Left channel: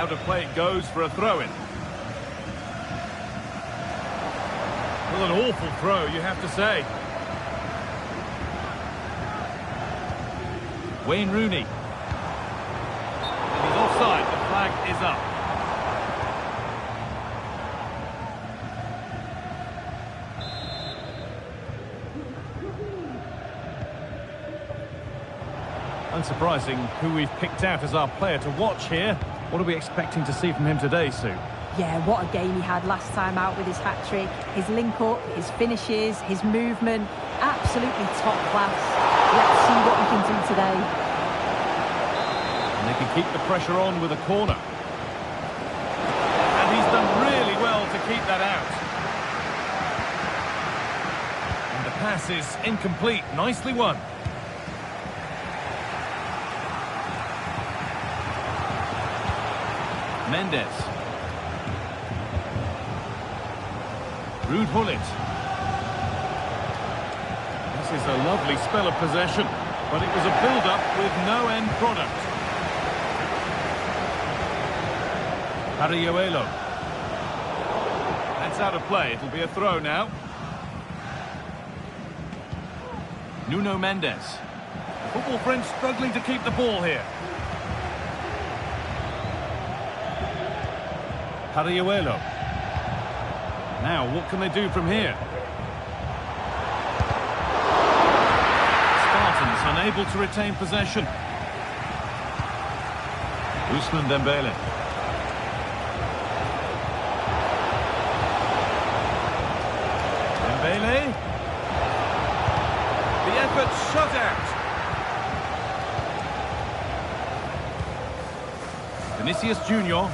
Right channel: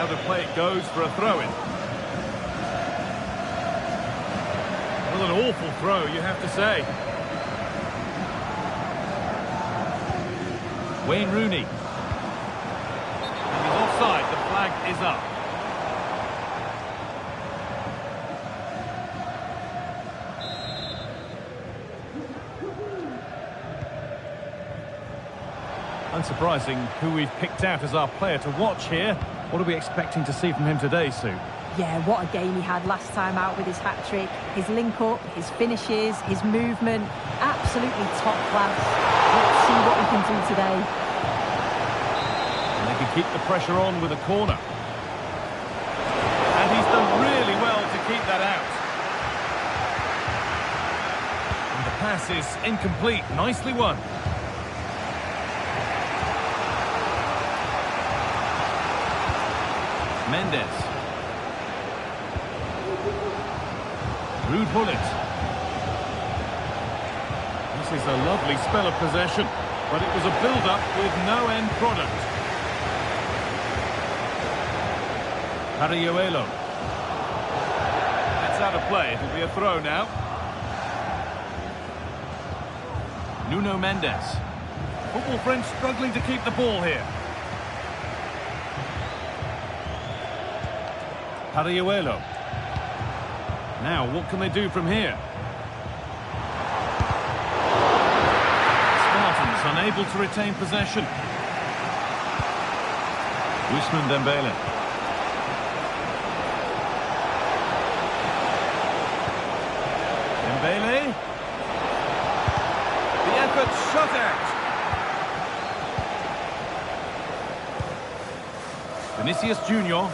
Out of play it goes for a throw-in. Well, an awful throw, you have to say. Wayne Rooney. And he's offside. The flag is up. Unsurprising who we've picked out as our player to watch here. What are we expecting to see from him today, Sue? Yeah, what a game he had last time out with his hat-trick. His link-up, his finishes, his movement, absolutely top class. Let's see what he can do today. And they can keep the pressure on with a corner. And he's done really well to keep that out. And the pass is incomplete. Nicely won. Mendes. Ruud Gullit. This is a lovely spell of possession, but it was a build-up with no end product. Parayuelo. That's out of play. It'll be a throw now. Nuno Mendes. Football French struggling to keep the ball here. Parayuelo. Now, what can they do from here? Spartans unable to retain possession. Ousmane Dembele. Dembele. The effort shut out. Vinicius Junior.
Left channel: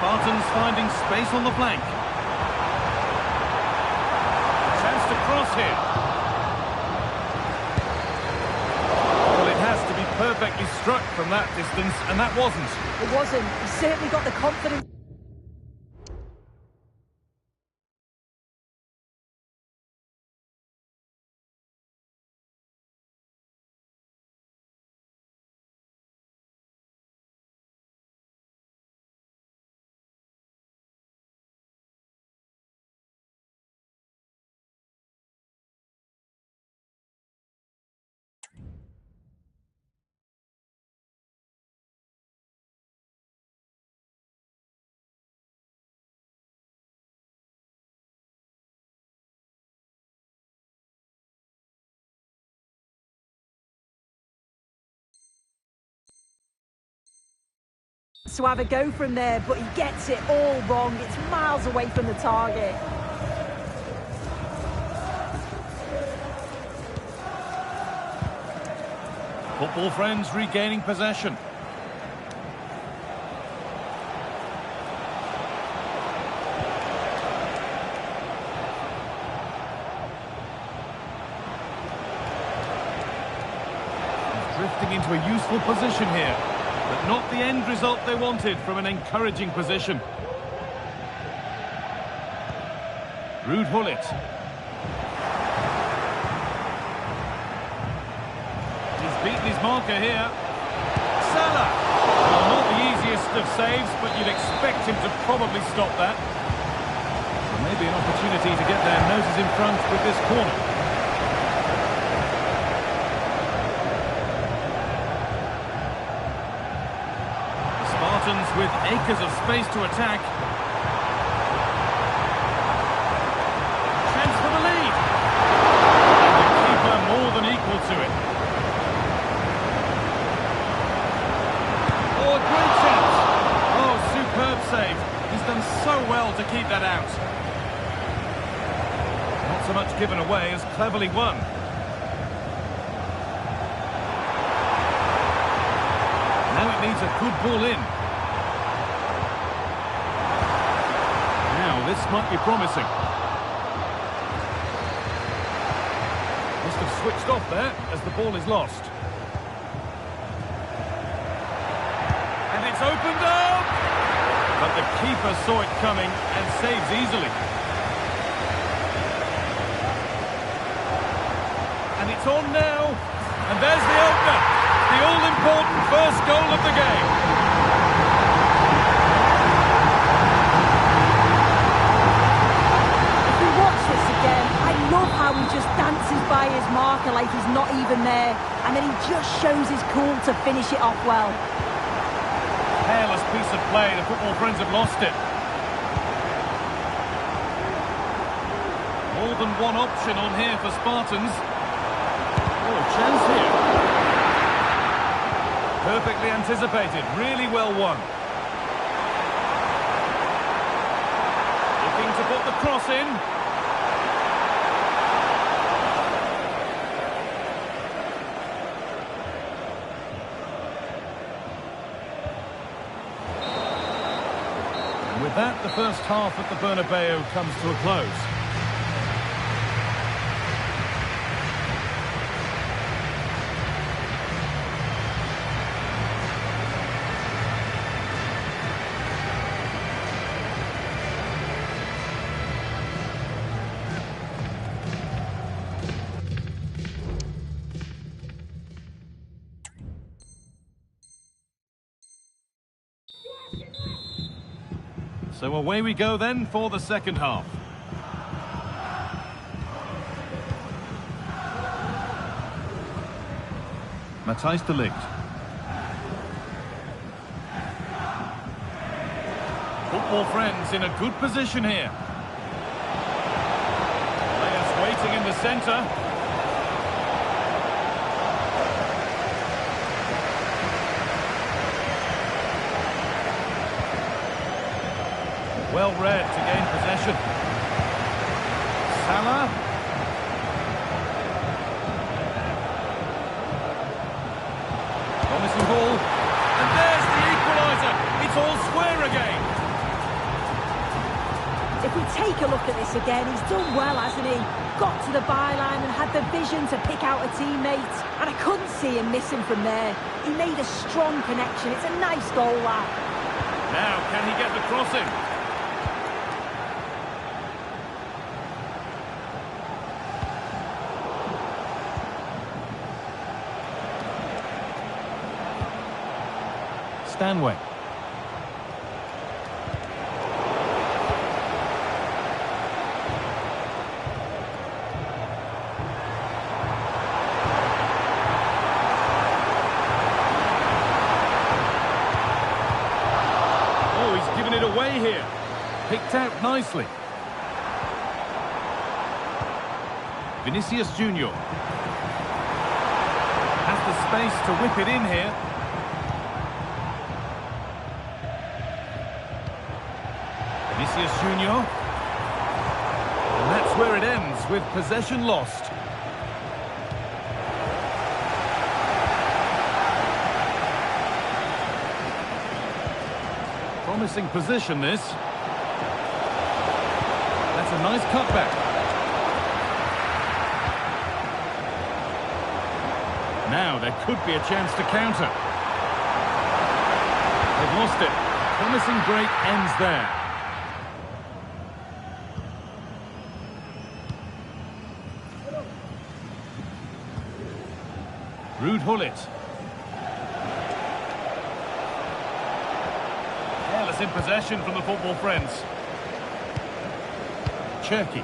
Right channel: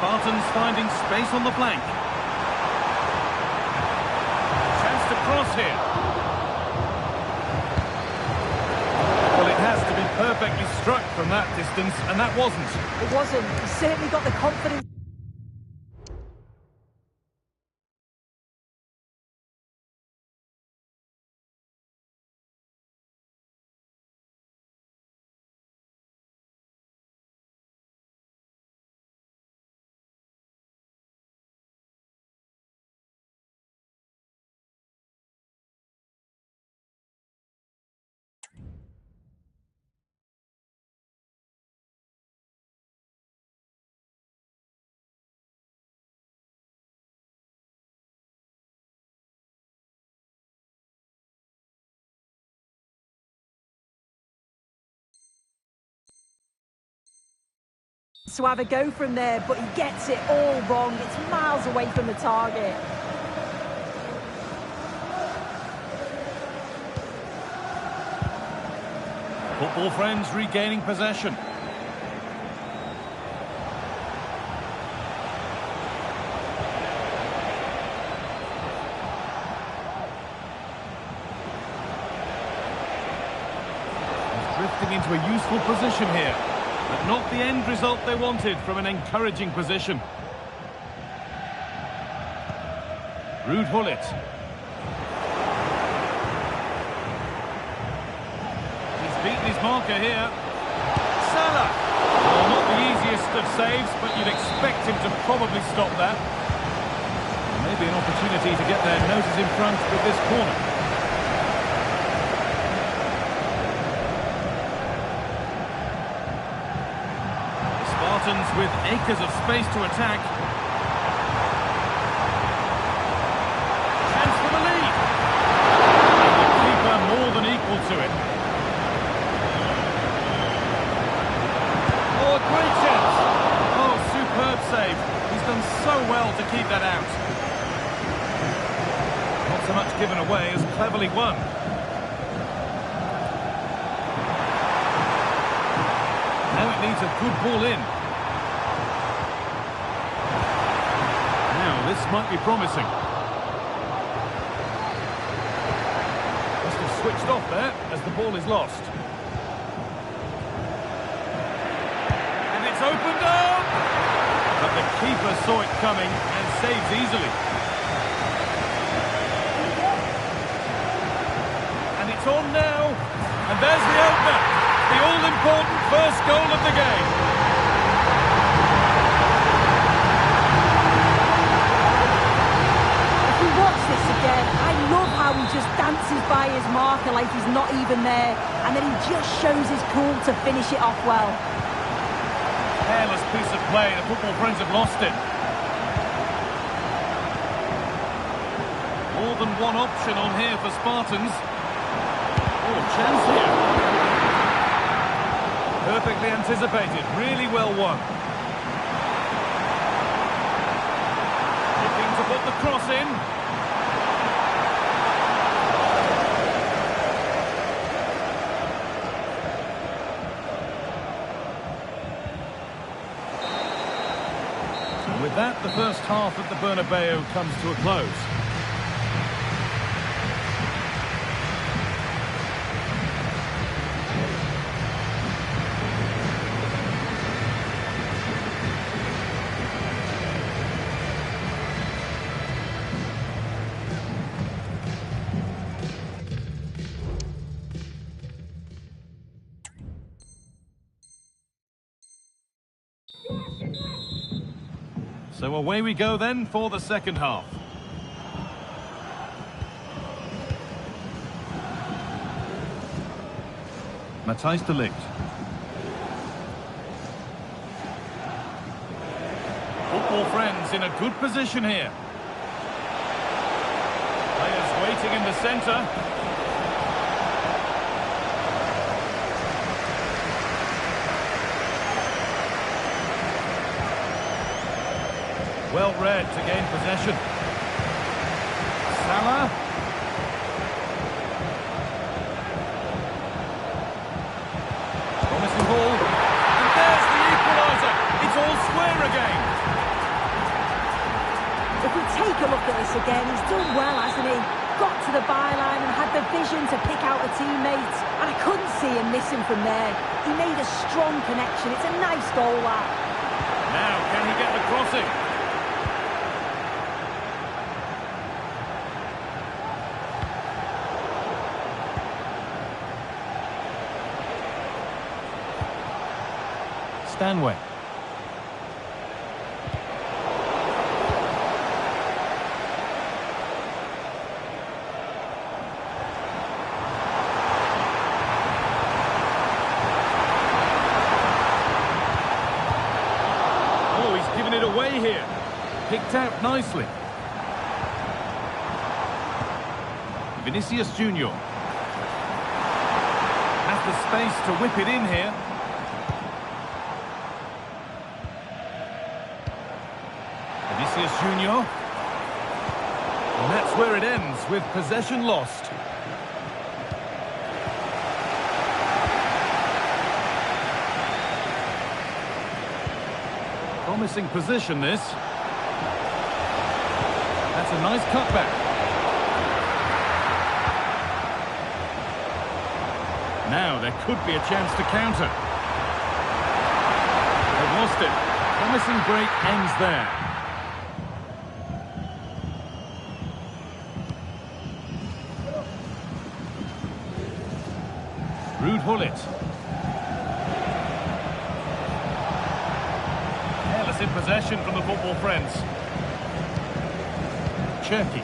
Spartans finding space on the flank. Chance to cross here. Well, it has to be perfectly struck from that distance, and that wasn't. It wasn't. He certainly got the confidence. To have a go from there, but he gets it all wrong. It's miles away from the target. Football Friends regaining possession. He's drifting into a useful position here. But not the end result they wanted from an encouraging position. Ruud Gullit. He's beaten his marker here. Salah. Well, not the easiest of saves, but you'd expect him to probably stop that. Well, maybe an opportunity to get their noses in front with this corner. Spartans with acres of space to attack. Chance for the lead. And the keeper more than equal to it. Oh, a great chance. Oh, superb save. He's done so well to keep that out. Not so much given away as cleverly won. Now it needs a good ball in. Now this might be promising. Must have switched off there as the ball is lost. And it's opened up! But the keeper saw it coming and saves easily. And it's on now. And there's the opener. The all-important first goal of the game. If we watch this again, I love how he just dances by his marker like he's not even there. And then he just shows his cool to finish it off well. Careless piece of play. The football friends have lost it. More than one option on here for Spartans. Oh, chance here. Perfectly anticipated. Really well won. Looking to put the cross in. And with that, the first half at the Bernabeu comes to a close. So away we go then for the second half. Matthijs de Ligt. Football friends in a good position here. Players waiting in the centre. Well read to gain possession. Salah. Promising ball. And there's the equaliser. It's all square again. If we take a look at this again, he's done well, hasn't he? Got to the byline and had the vision to pick out a teammate. And I couldn't see him missing from there. He made a strong connection. It's a nice goal, that. Now, can he get the crossing? Stanway. Oh, he's given it away here. Picked out nicely. Vinicius Junior has the space to whip it in here. Vinicius Junior. And that's where it ends, with possession lost. Promising position, this. That's a nice cutback. Now there could be a chance to counter. They've lost it. Promising break ends there. Ruud Gullit. Careless in possession from the football friends. Cherki.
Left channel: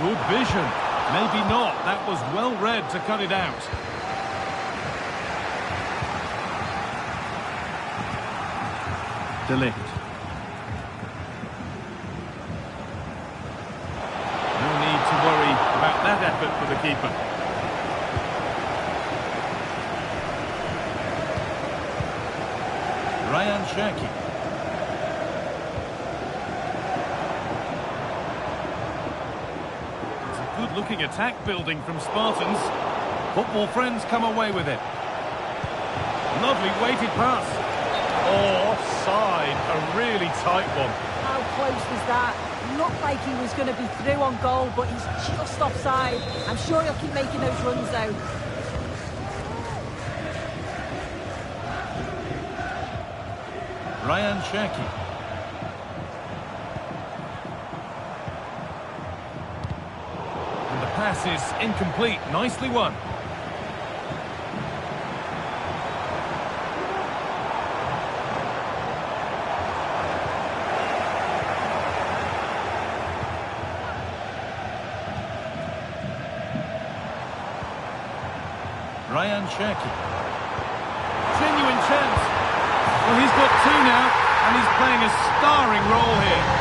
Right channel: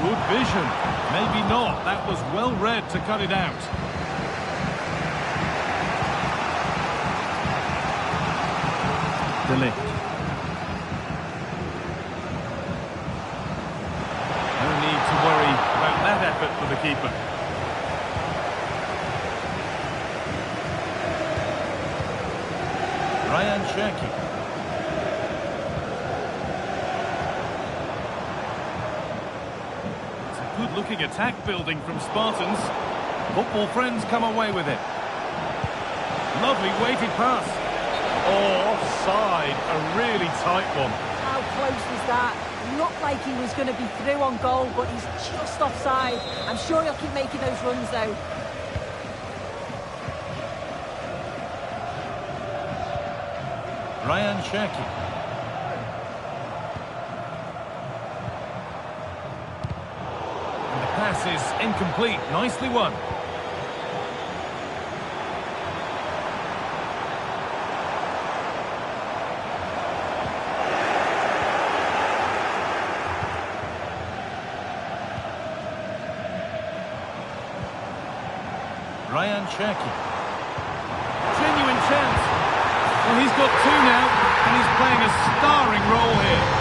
Good vision. Maybe not. That was well read to cut it out. De Ligt. No need to worry about that effort for the keeper. Rayan Cherki. It's a good-looking attack building from Spartans. Football friends come away with it. Lovely weighted pass. Oh, offside. A really tight one. How close was that? Looked like he was going to be through on goal, but he's just offside. I'm sure he'll keep making those runs, though. Rayan Cherki. And the pass pass is incomplete. Nicely won. Ryan Cherki. Genuine chance. Well, he's got two now, and he's playing a starring role here.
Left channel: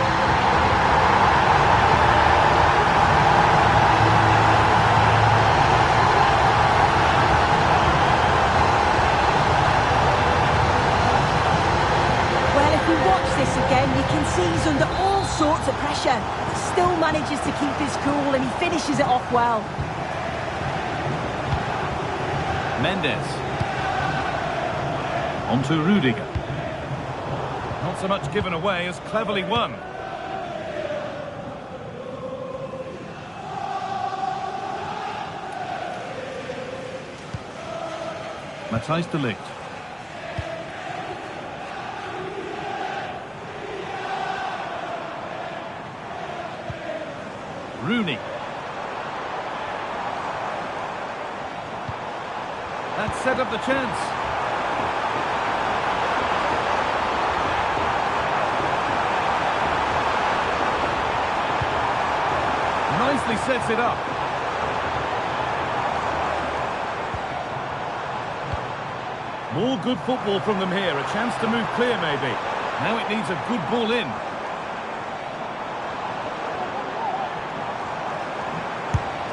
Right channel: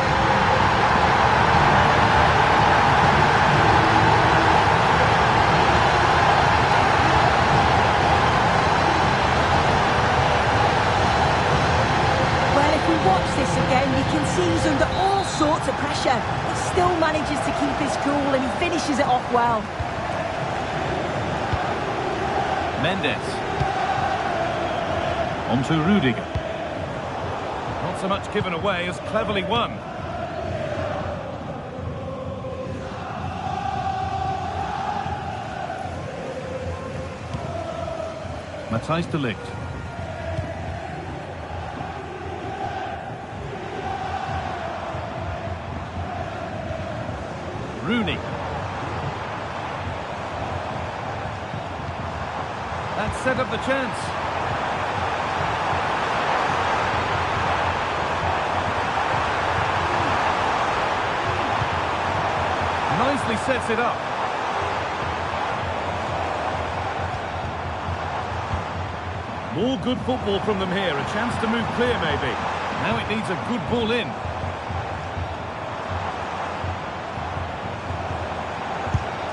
Well, if we watch this again, you can see he's under all sorts of pressure, but still manages to keep his cool, and he finishes it off well. Mendes. On to Rudiger. Not so much given away as cleverly won. Matthijs de Ligt. Rooney. That set up the chance. Nicely sets it up. More good football from them here. A chance to move clear, maybe. Now it needs a good ball in.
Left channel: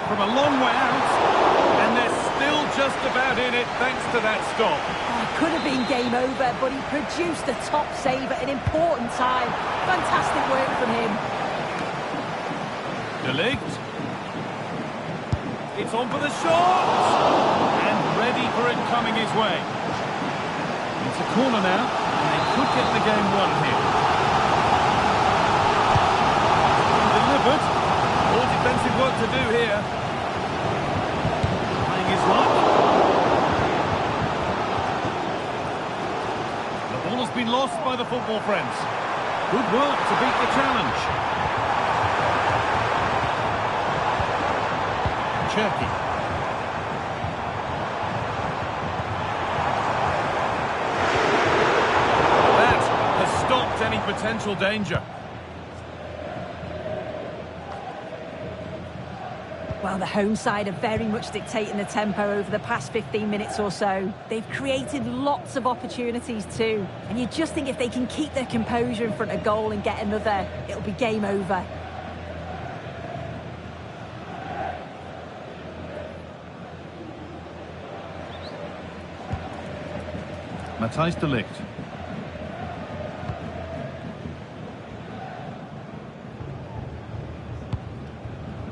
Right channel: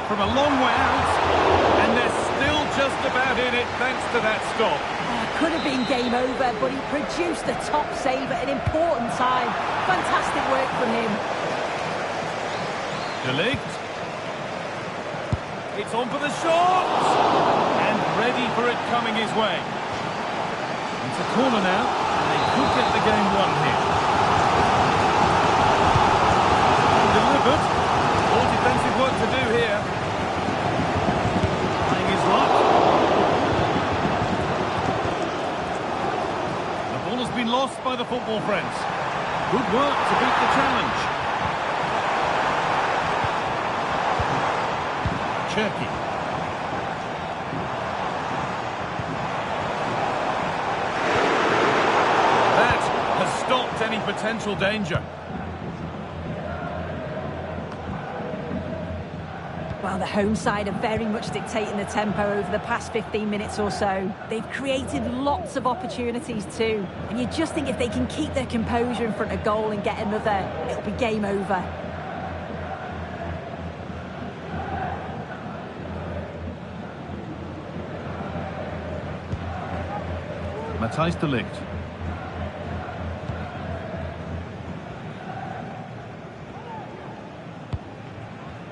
From a long way out, and they're still just about in it thanks to that stop. Oh, could have been game over, but he produced a top save at an important time. Fantastic work from him. De Ligt. It's on for the shot! And ready for it coming his way. It's a corner now, and they could get the game won here. Delivered. More defensive work to do here. Trying his luck. The ball has been lost by the football friends. Good work to beat the challenge. Cherki. That has stopped any potential danger. Well, the home side are very much dictating the tempo over the past 15 minutes or so. They've created lots of opportunities too. And you just think if they can keep their composure in front of goal and get another, it'll be game over. Matthijs de Ligt.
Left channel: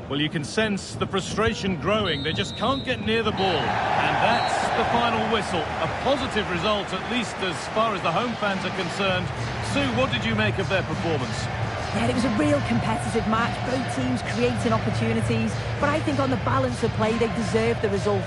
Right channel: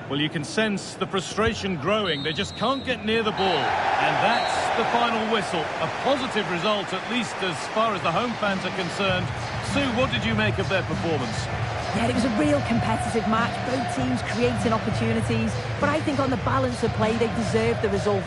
Well, you can sense the frustration growing. They just can't get near the ball. And that's the final whistle. A positive result, at least as far as the home fans are concerned. Sue, what did you make of their performance? Yeah, it was a real competitive match. Both teams creating opportunities. But I think on the balance of play, they deserved the result.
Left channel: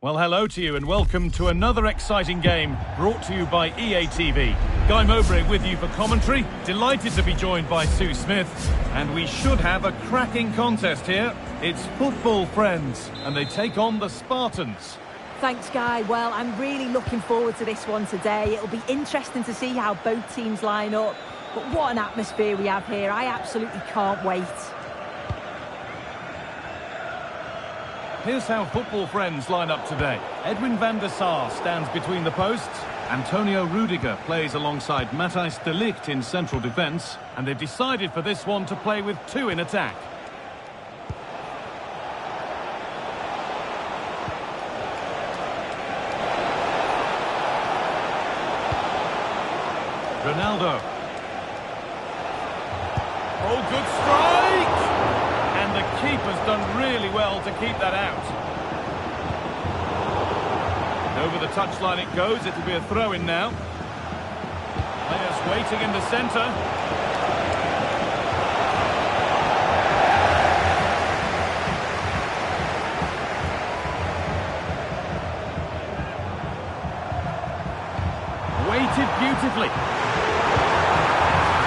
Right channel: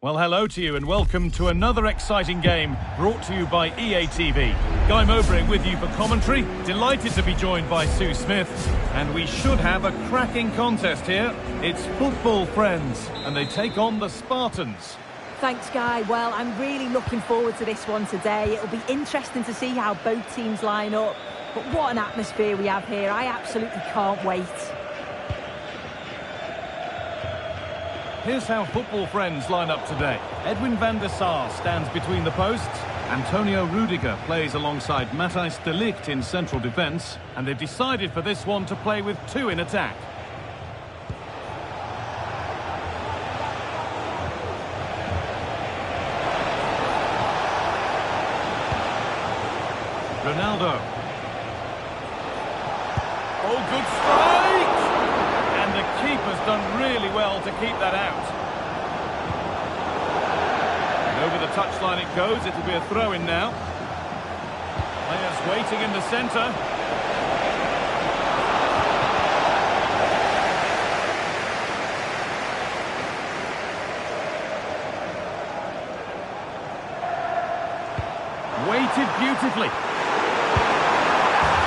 Well, hello to you and welcome to another exciting game brought to you by EA TV. Guy Mowbray with you for commentary. Delighted to be joined by Sue Smith. And we should have a cracking contest here. It's football, friends, and they take on the Spartans. Thanks, Guy. Well, I'm really looking forward to this one today. It'll be interesting to see how both teams line up. But what an atmosphere we have here. I absolutely can't wait. Here's how football friends line up today. Edwin van der Sar stands between the posts. Antonio Rudiger plays alongside Matthijs de Ligt in central defence. And they've decided for this one to play with two in attack. Ronaldo. Oh, good strike! And the keeper's done really well to keep that out. And over the touchline it goes. It'll be a throw-in now. Players waiting in the centre. Weighted beautifully.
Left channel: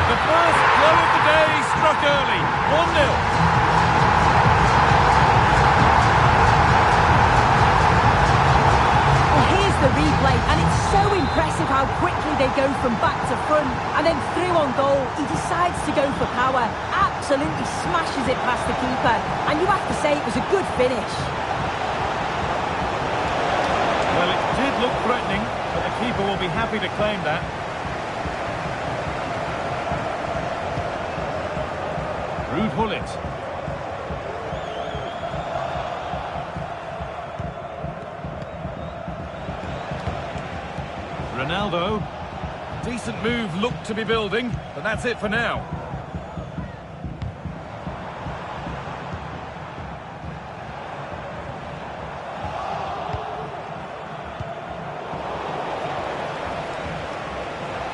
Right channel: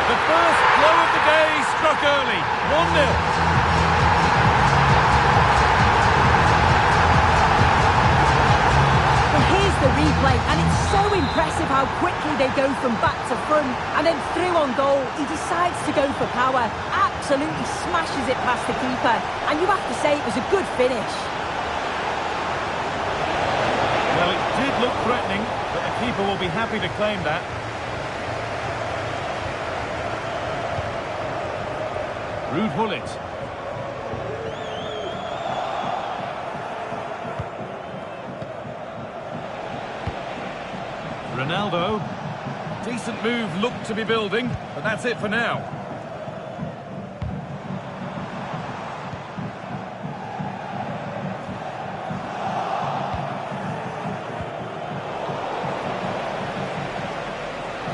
The first blow of the day struck early. 1-0. Here's the replay, and it's so impressive how quickly they go from back to front and then through on goal. He decides to go for power, absolutely smashes it past the keeper, and you have to say it was a good finish. Well, it did look threatening, but the keeper will be happy to claim that. Ruud Gullit. Ronaldo. Decent move looked to be building, but that's it for now.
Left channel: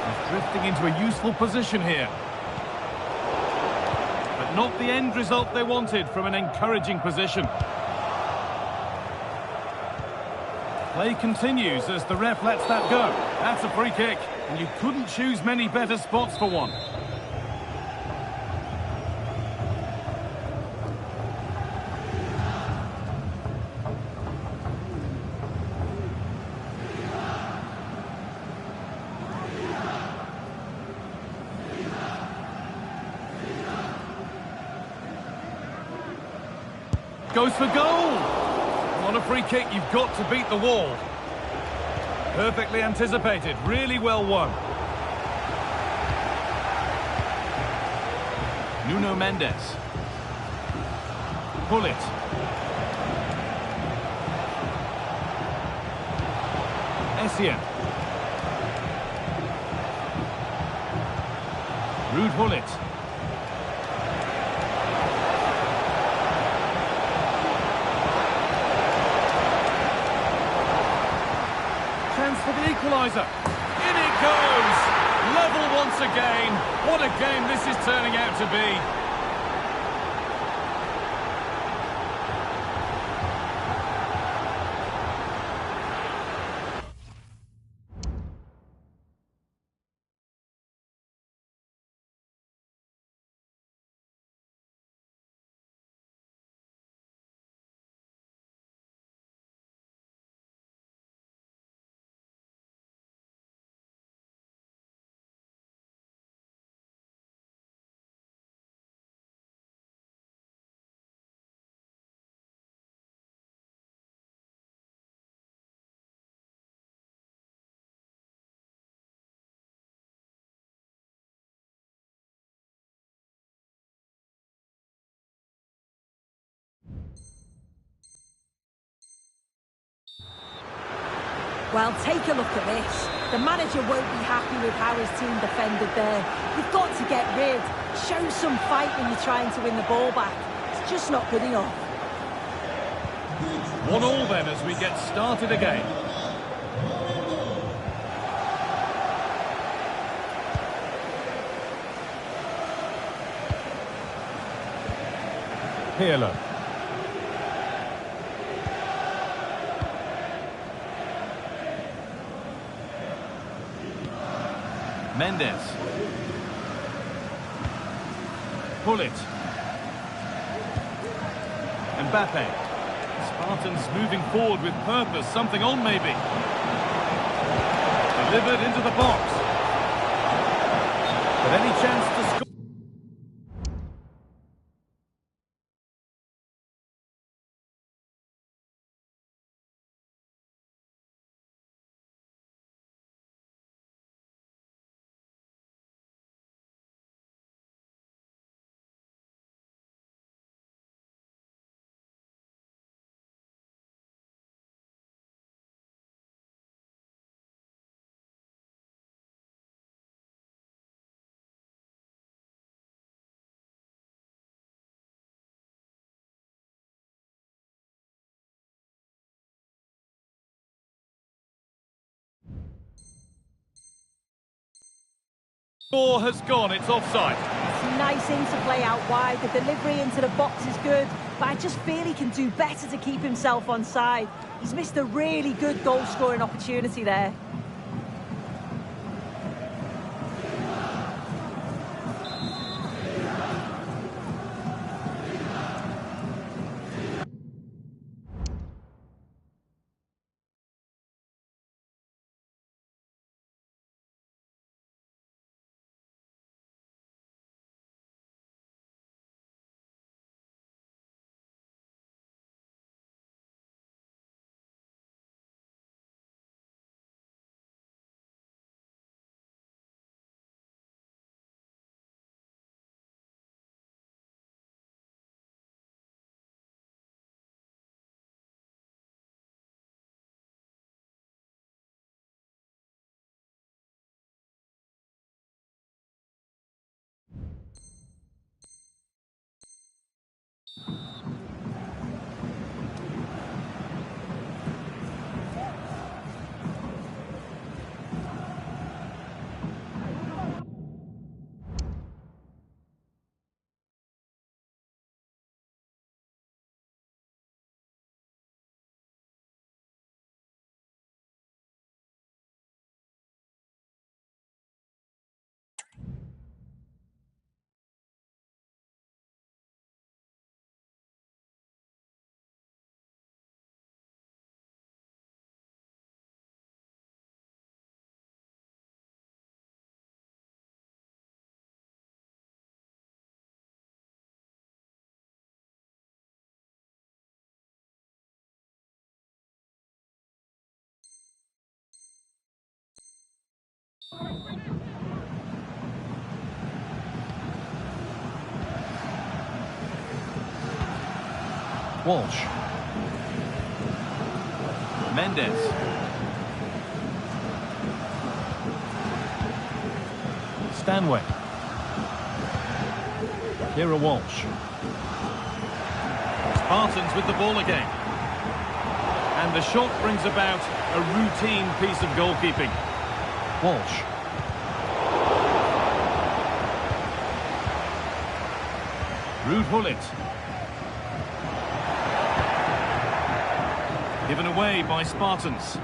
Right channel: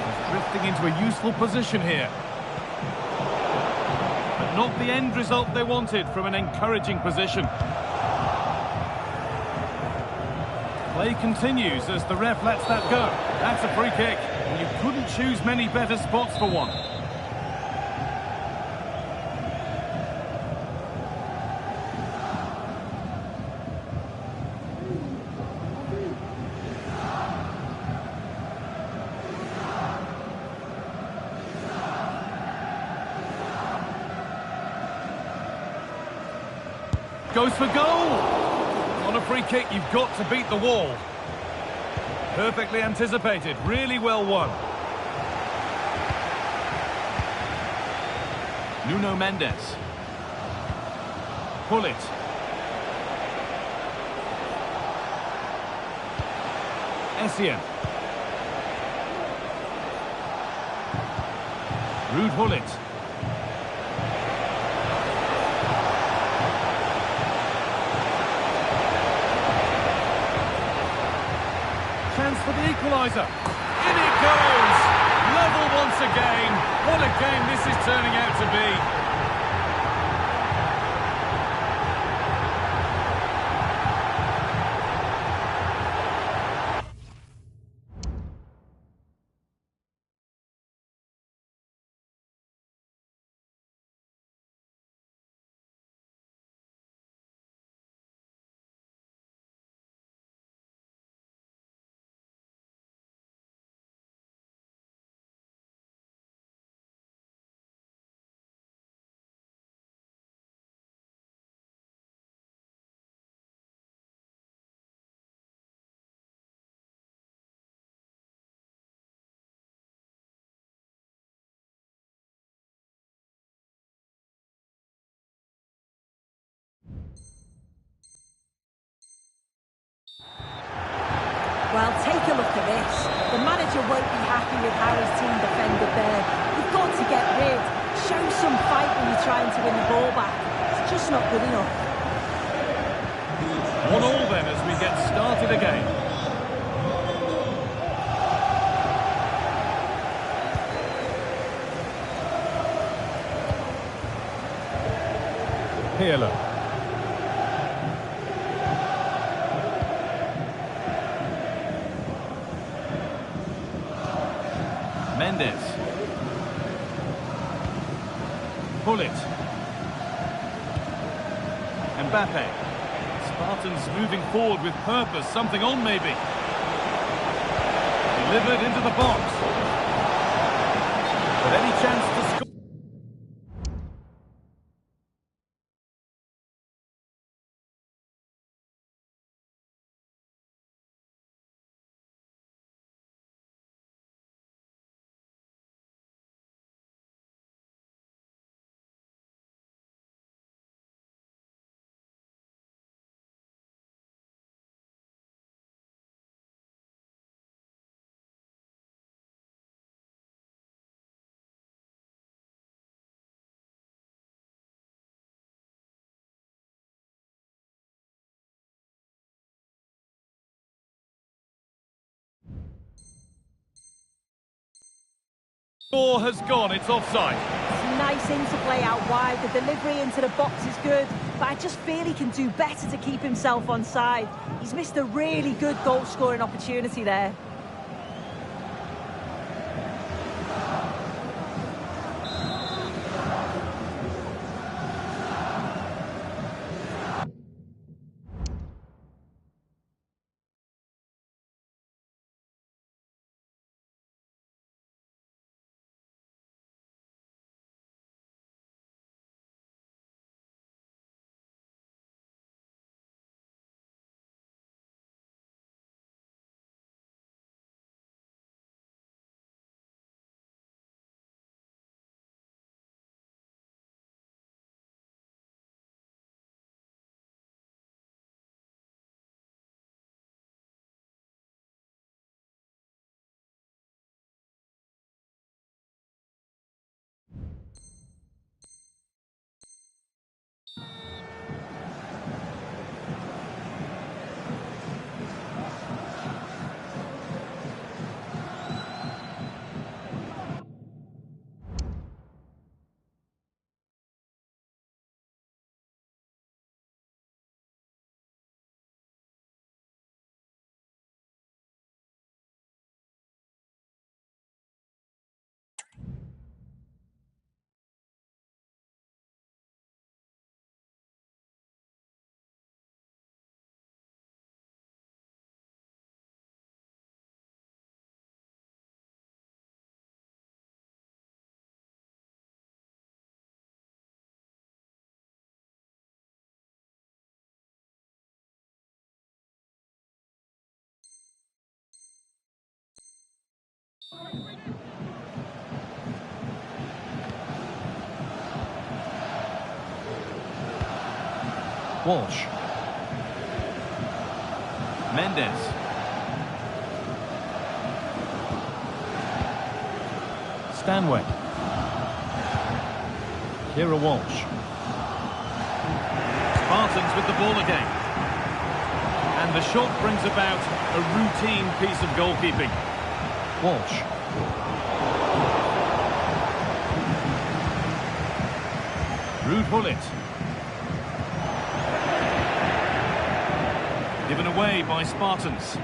He's drifting into a useful position here. But not the end result they wanted from an encouraging position. Play continues as the ref lets that go. That's a free kick, and you couldn't choose many better spots for one. Goes for goal! On a free kick, you've got to beat the wall. Perfectly anticipated, really well won. Nuno Mendes. Gullit. Essien. Ruud Gullit. Chance for the equaliser. In it goes! Level once again. What a game this is turning out to be. Well, take a look at this. The manager won't be happy with how his team defended there. You've got to get rid. Show some fight when you're trying to win the ball back. It's just not good enough. 1-1 then as we get started again. Pirlo. Mendes. Gullit. Mbappe. Spartans moving forward with purpose, something on maybe. Delivered into the box. But any chance to score? Score has gone, it's offside. It's nice interplay out wide, the delivery into the box is good, but I just feel he can do better to keep himself onside. He's missed a really good goal-scoring opportunity there. Walsh. Mendes. Stanway. Kira Walsh. Spartans with the ball again. And the shot brings about a routine piece of goalkeeping. Walsh. Ruud Gullit. Given away by Spartans.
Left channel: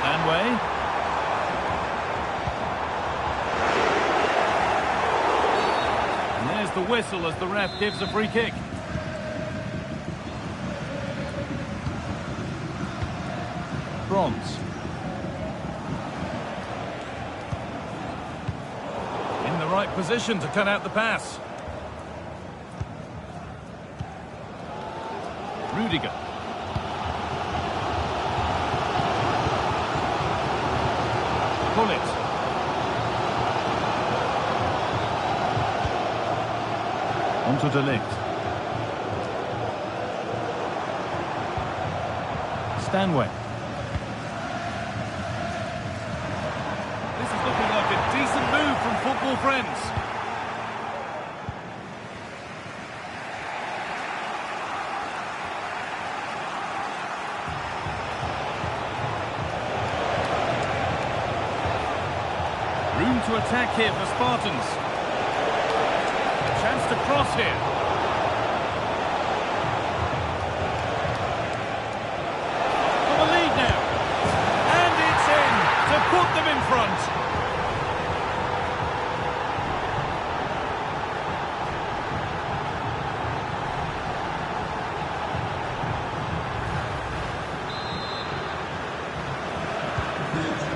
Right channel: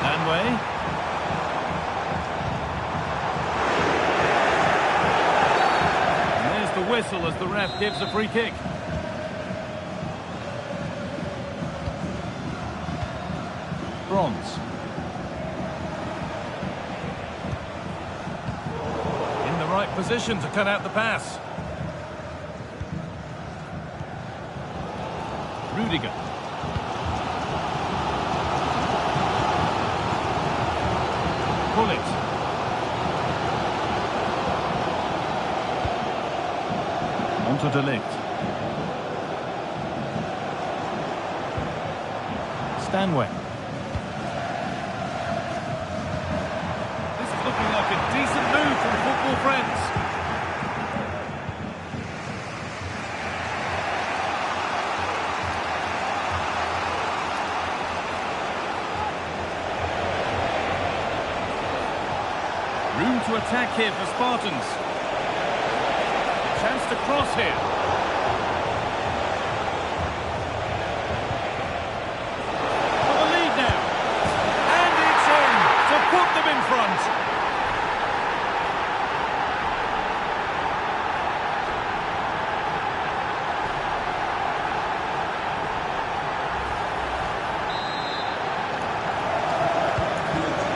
Stanway. And there's the whistle as the ref gives a free kick. Bronze. In the right position to cut out the pass. Rudiger. Gullit. On to De Ligt. Stanway. This is looking like a decent move from football friends. Room to attack here for Spartans. A chance to cross here. For the lead now. And put them in front.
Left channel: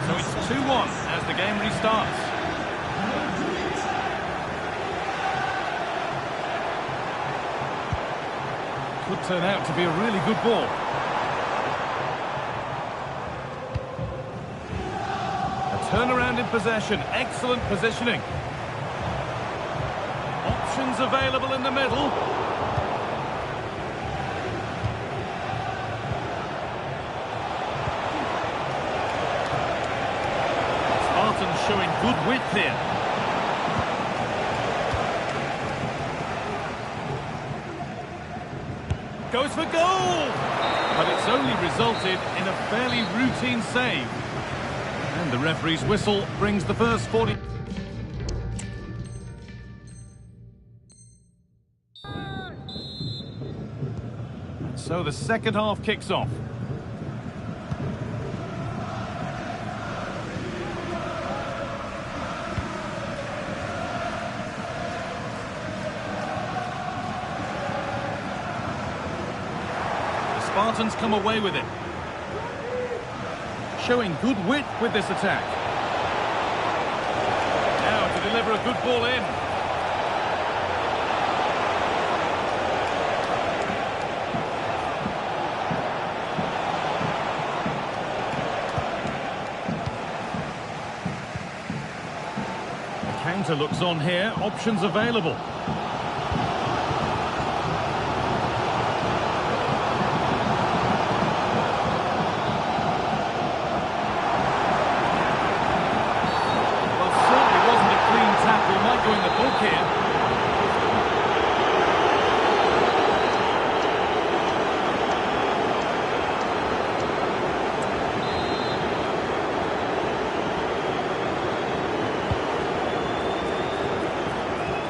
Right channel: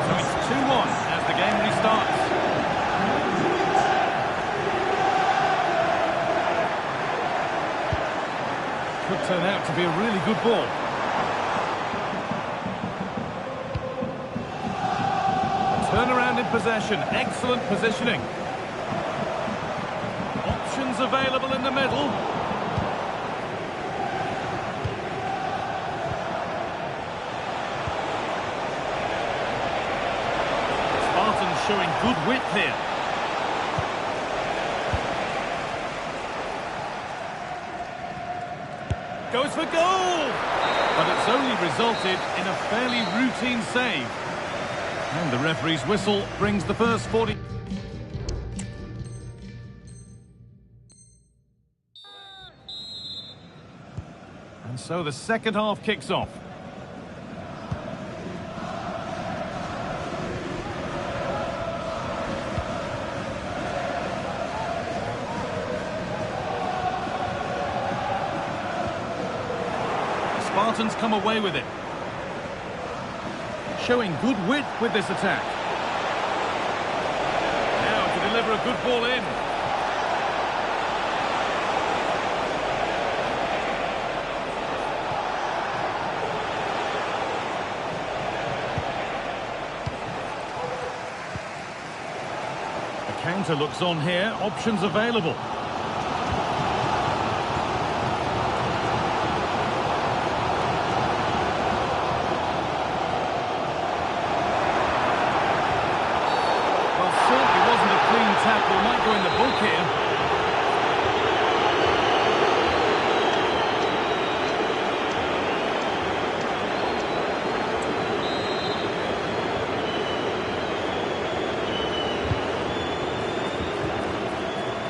So it's 2-1 as the game restarts. Could turn out to be a really good ball. A turnaround in possession, excellent positioning. Options available in the middle. Spartans showing good width here. Goes for goal! But it's only resulted in a fairly routine save. And the referee's whistle brings the first 40... And so the second half kicks off. Spartans come away with it. Showing good width with this attack. Now to deliver a good ball in. The counter looks on here, options available. Clean tackle might go in the book here.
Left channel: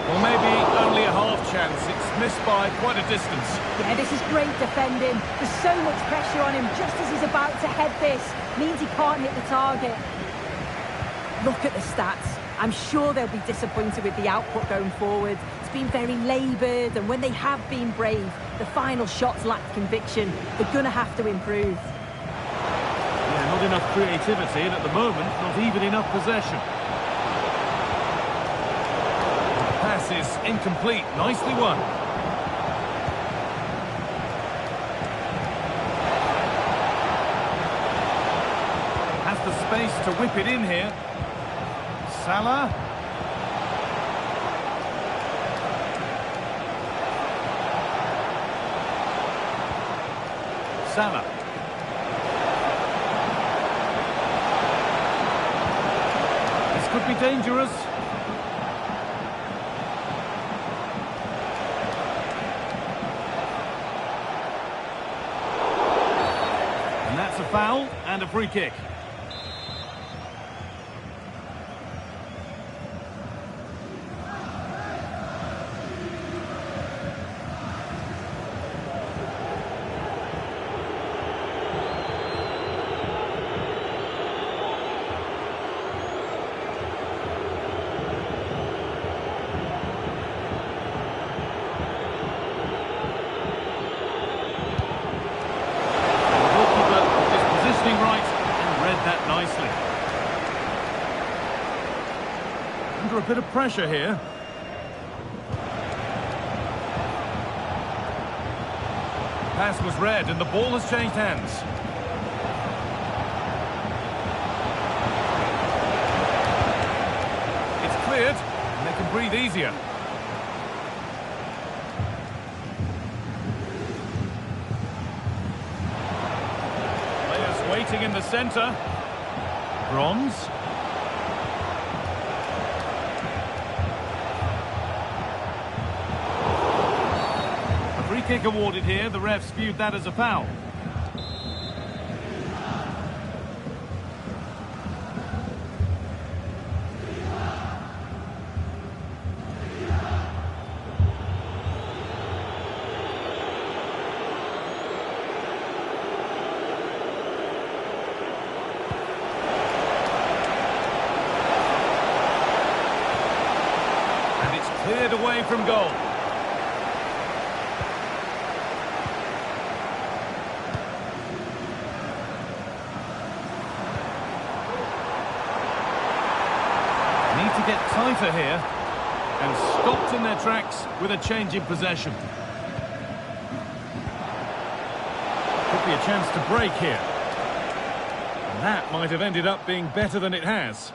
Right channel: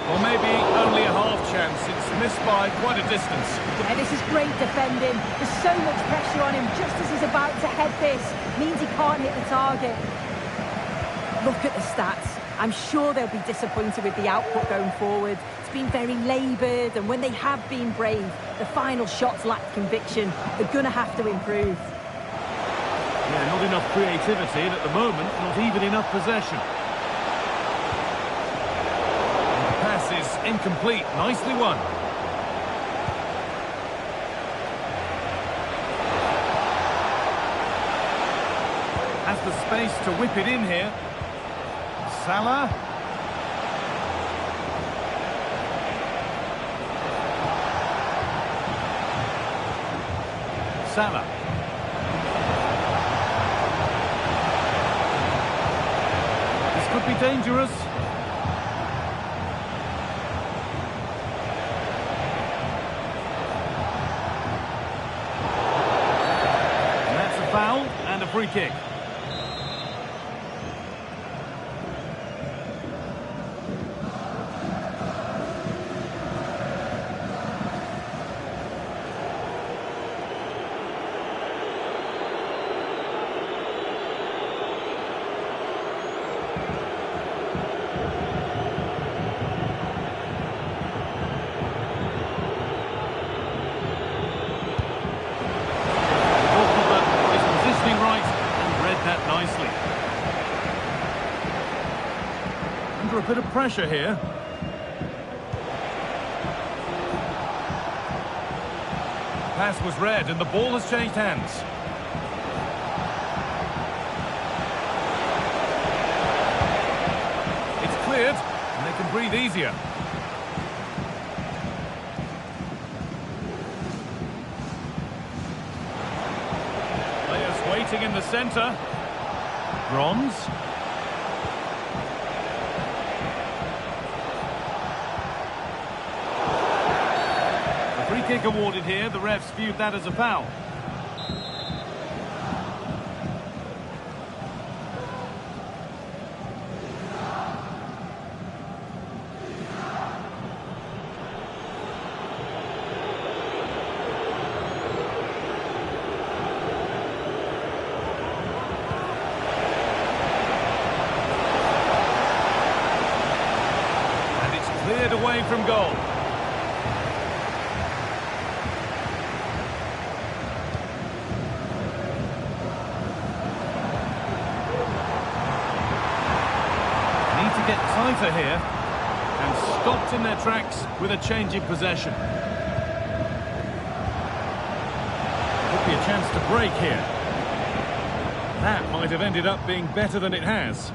Well, maybe only a half chance. It's missed by quite a distance. Yeah, this is great defending. There's so much pressure on him just as he's about to head this. Means he can't hit the target. Look at the stats. I'm sure they'll be disappointed with the output going forward. It's been very laboured, and when they have been brave, the final shots lacked conviction. They're going to have to improve. Yeah, not enough creativity, and at the moment, not even enough possession. And the pass is incomplete. Nicely won. Has the space to whip it in here. Salah. Salah. This could be dangerous. And that's a foul and a free kick. Right and read that nicely. Under a bit of pressure here. Pass was read and the ball has changed hands. It's cleared and they can breathe easier. Waiting in the centre. Bronze. A free kick awarded here. The refs viewed that as a foul. away from goal. Need to get tighter here, and stopped in their tracks with a change in possession. Could be a chance to break here. That might have ended up being better than it has.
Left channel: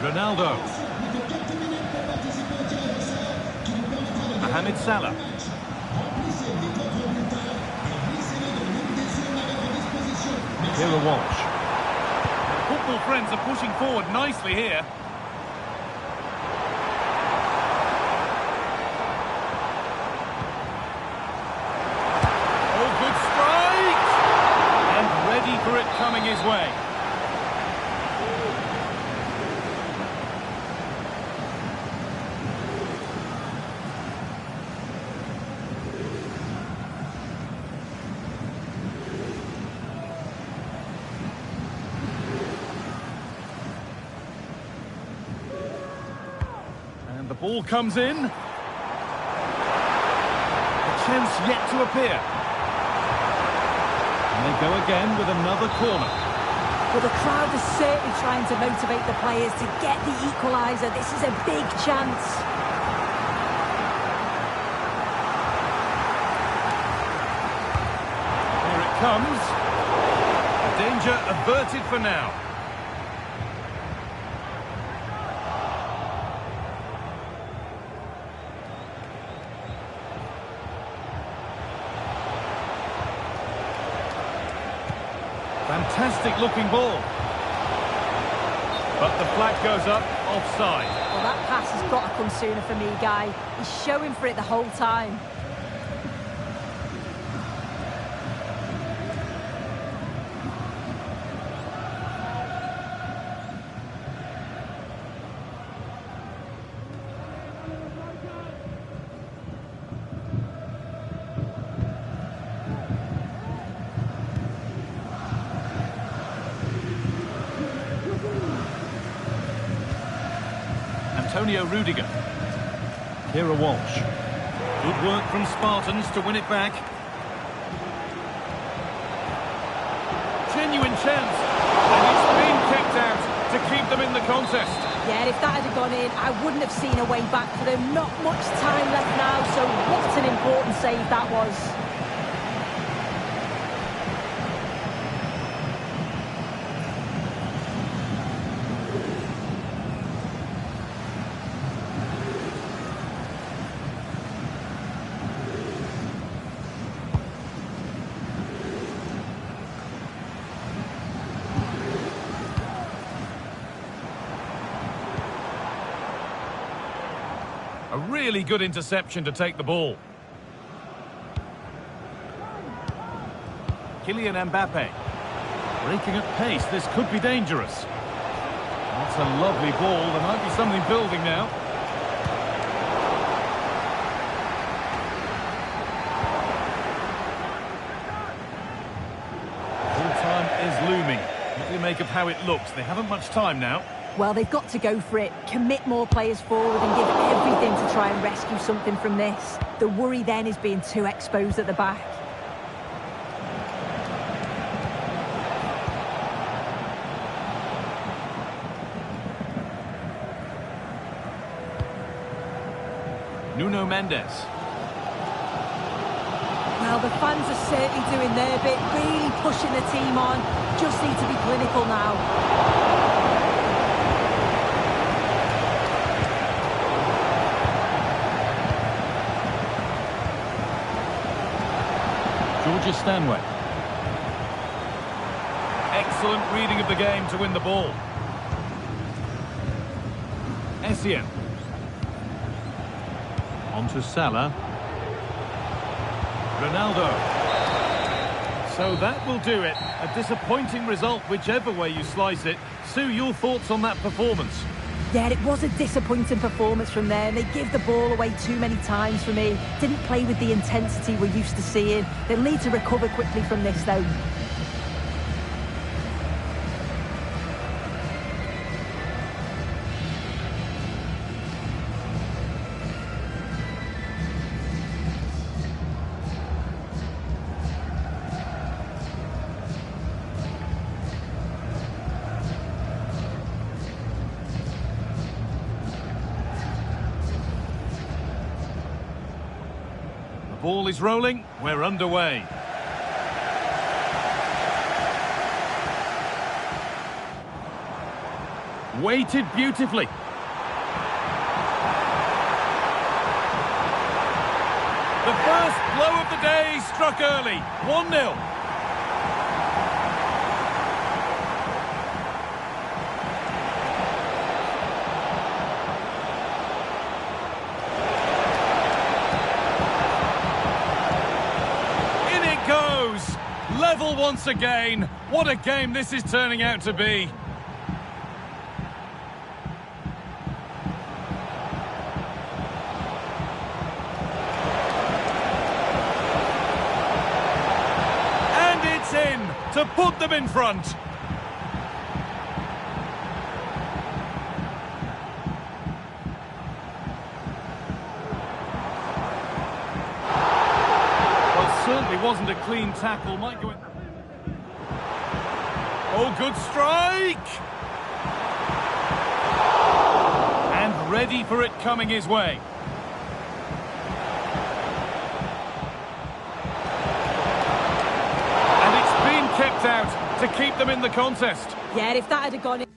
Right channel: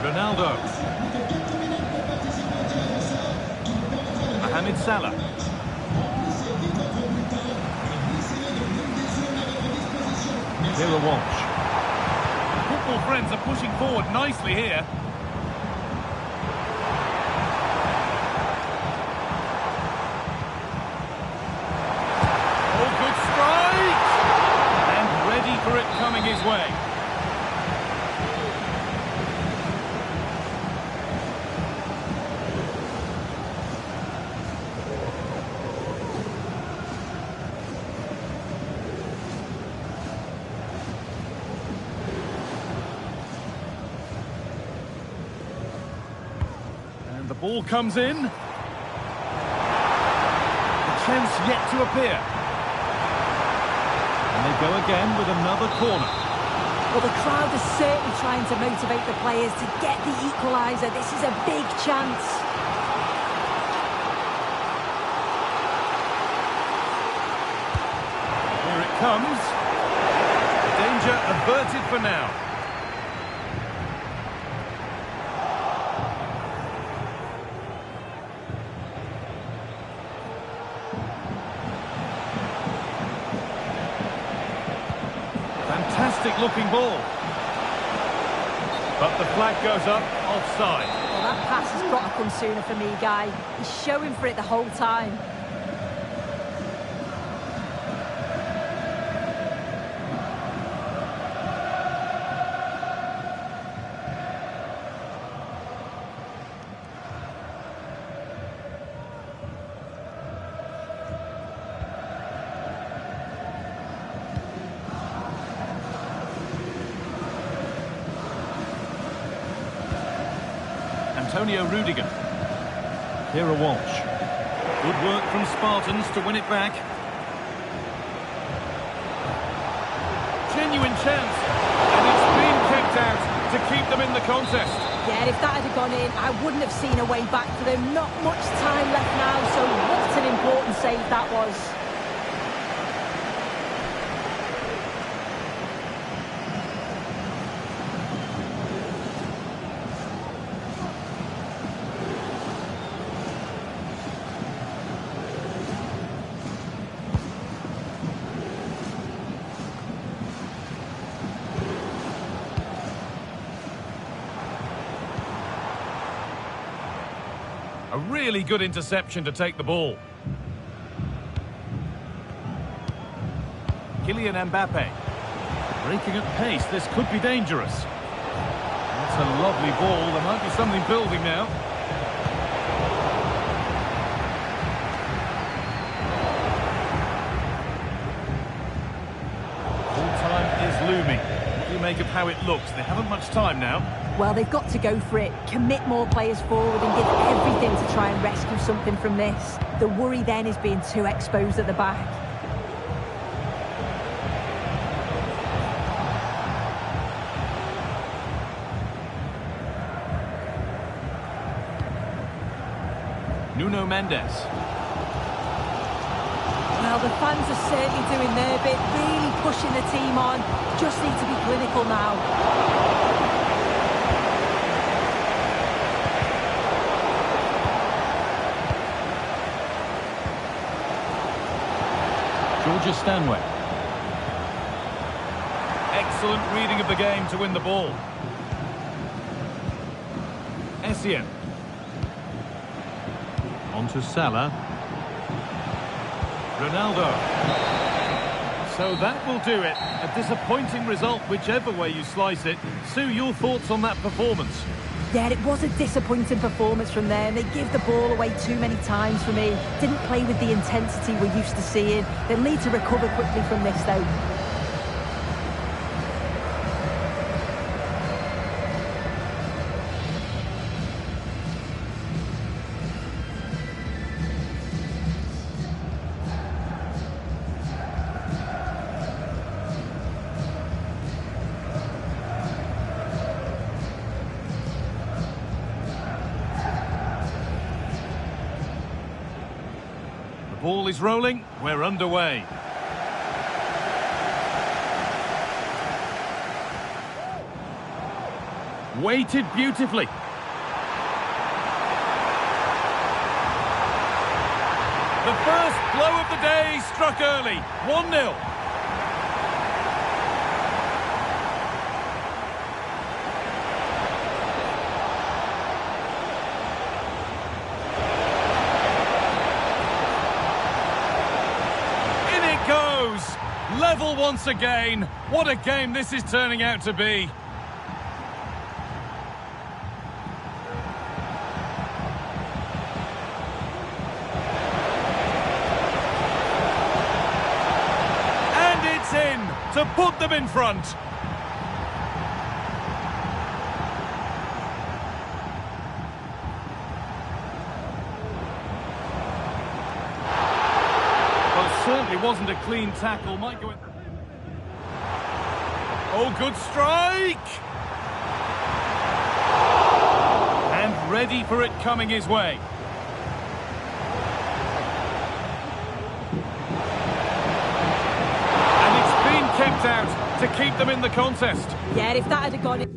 Ronaldo. Mohamed Salah. Keira Walsh. Football friends are pushing forward nicely here. Oh, good strike! And ready for it coming his way. And the ball comes in. The chance yet to appear. And they go again with another corner. Well, the crowd is certainly trying to motivate the players to get the equaliser. This is a big chance. Here it comes. The danger averted for now. Fantastic looking ball. But the flag goes up, offside. Well, that pass has got to come sooner for me, Guy. He's showing for it the whole time. Antonio Rudiger. Keira Walsh. Good work from Spartans to win it back. Genuine chance. And it's been kept out to keep them in the contest. Yeah, if that had gone in, I wouldn't have seen a way back for them. Not much time left now, so what an important save that was. A really good interception to take the ball. Kylian Mbappe. Breaking at pace, this could be dangerous. That's a lovely ball, there might be something building now. Full time is looming. What do you make of how it looks? They haven't much time now. Well, they've got to go for it, commit more players forward and give everything to try and rescue something from this. The worry then is being too exposed at the back. Nuno Mendes. Well, the fans are certainly doing their bit, really pushing the team on. Just need to be clinical now. Georgia Stanway. Excellent reading of the game to win the ball. Essien. On to Salah. Ronaldo. So that will do it. A disappointing result whichever way you slice it. Sue, your thoughts on that performance? Yeah, it was a disappointing performance from them. They give the ball away too many times for me. Didn't play with the intensity we're used to seeing. They'll need to recover quickly from this, though. Ball is rolling, we're underway. Weighted beautifully. The first blow of the day struck early, 1-0. Goes level once again. What a game this is turning out to be. And it's in to put them in front. Well, certainly wasn't a clean tackle. Might go in. Oh, good strike! And ready for it coming his way. And it's been kept out to keep them in the contest. Yeah, if that had gone in...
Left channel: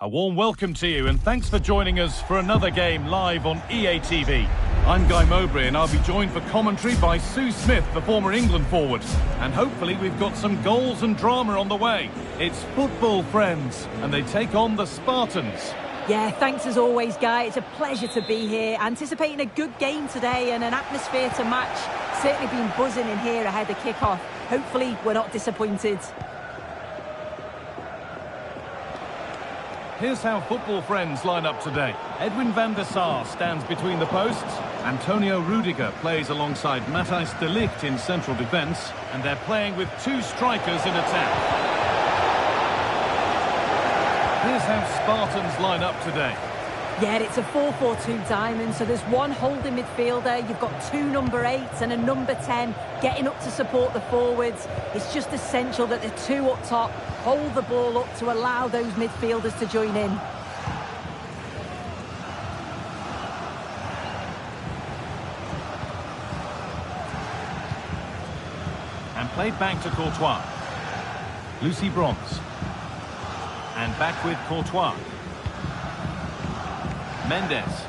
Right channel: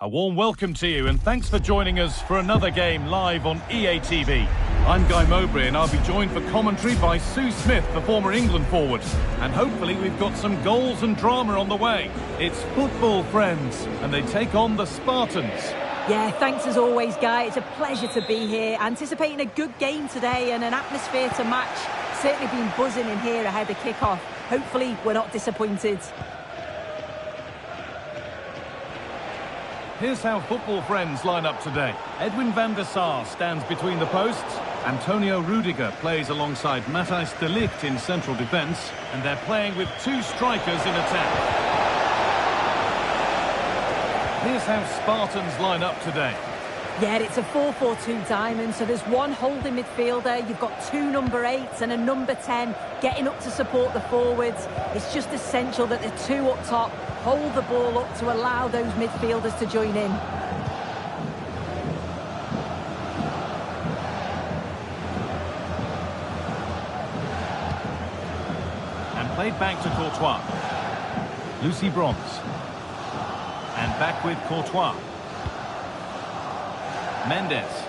A warm welcome to you and thanks for joining us for another game live on EA TV. I'm Guy Mowbray and I'll be joined for commentary by Sue Smith, the former England forward. And hopefully we've got some goals and drama on the way. It's football, friends, and they take on the Spartans. Yeah, thanks as always, Guy. It's a pleasure to be here. Anticipating a good game today and an atmosphere to match. Certainly been buzzing in here ahead of kick-off. Hopefully we're not disappointed. Here's how football friends line up today. Edwin van der Sar stands between the posts. Antonio Rudiger plays alongside Matthijs de Ligt in central defence. And they're playing with two strikers in attack. Here's how Spartans line up today. Yeah, it's a 4-4-2 diamond, so there's one holding midfielder, you've got two number 8s and a number 10 getting up to support the forwards. It's just essential that the two up top hold the ball up to allow those midfielders to join in. And played back to Courtois. Lucy Bronze. And back with Courtois. Mendes.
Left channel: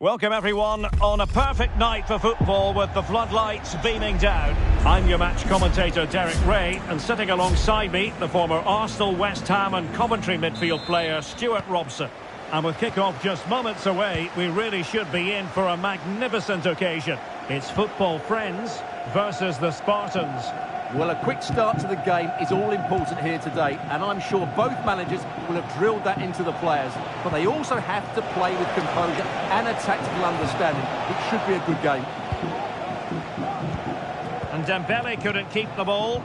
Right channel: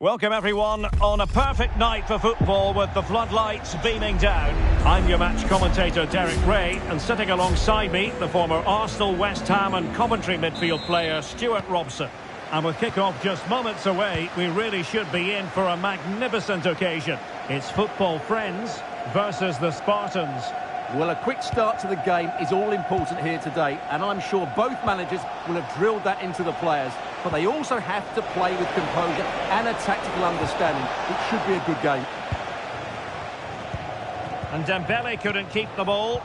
Welcome everyone on a perfect night for football with the floodlights beaming down. I'm your match commentator Derek Ray, and sitting alongside me the former Arsenal, West Ham and Coventry midfield player Stuart Robson. And with kick-off just moments away, we really should be in for a magnificent occasion. It's football friends versus the Spartans. Well, a quick start to the game is all important here today, and I'm sure both managers will have drilled that into the players. But they also have to play with composure and a tactical understanding. It should be a good game. And Dembele couldn't keep the ball.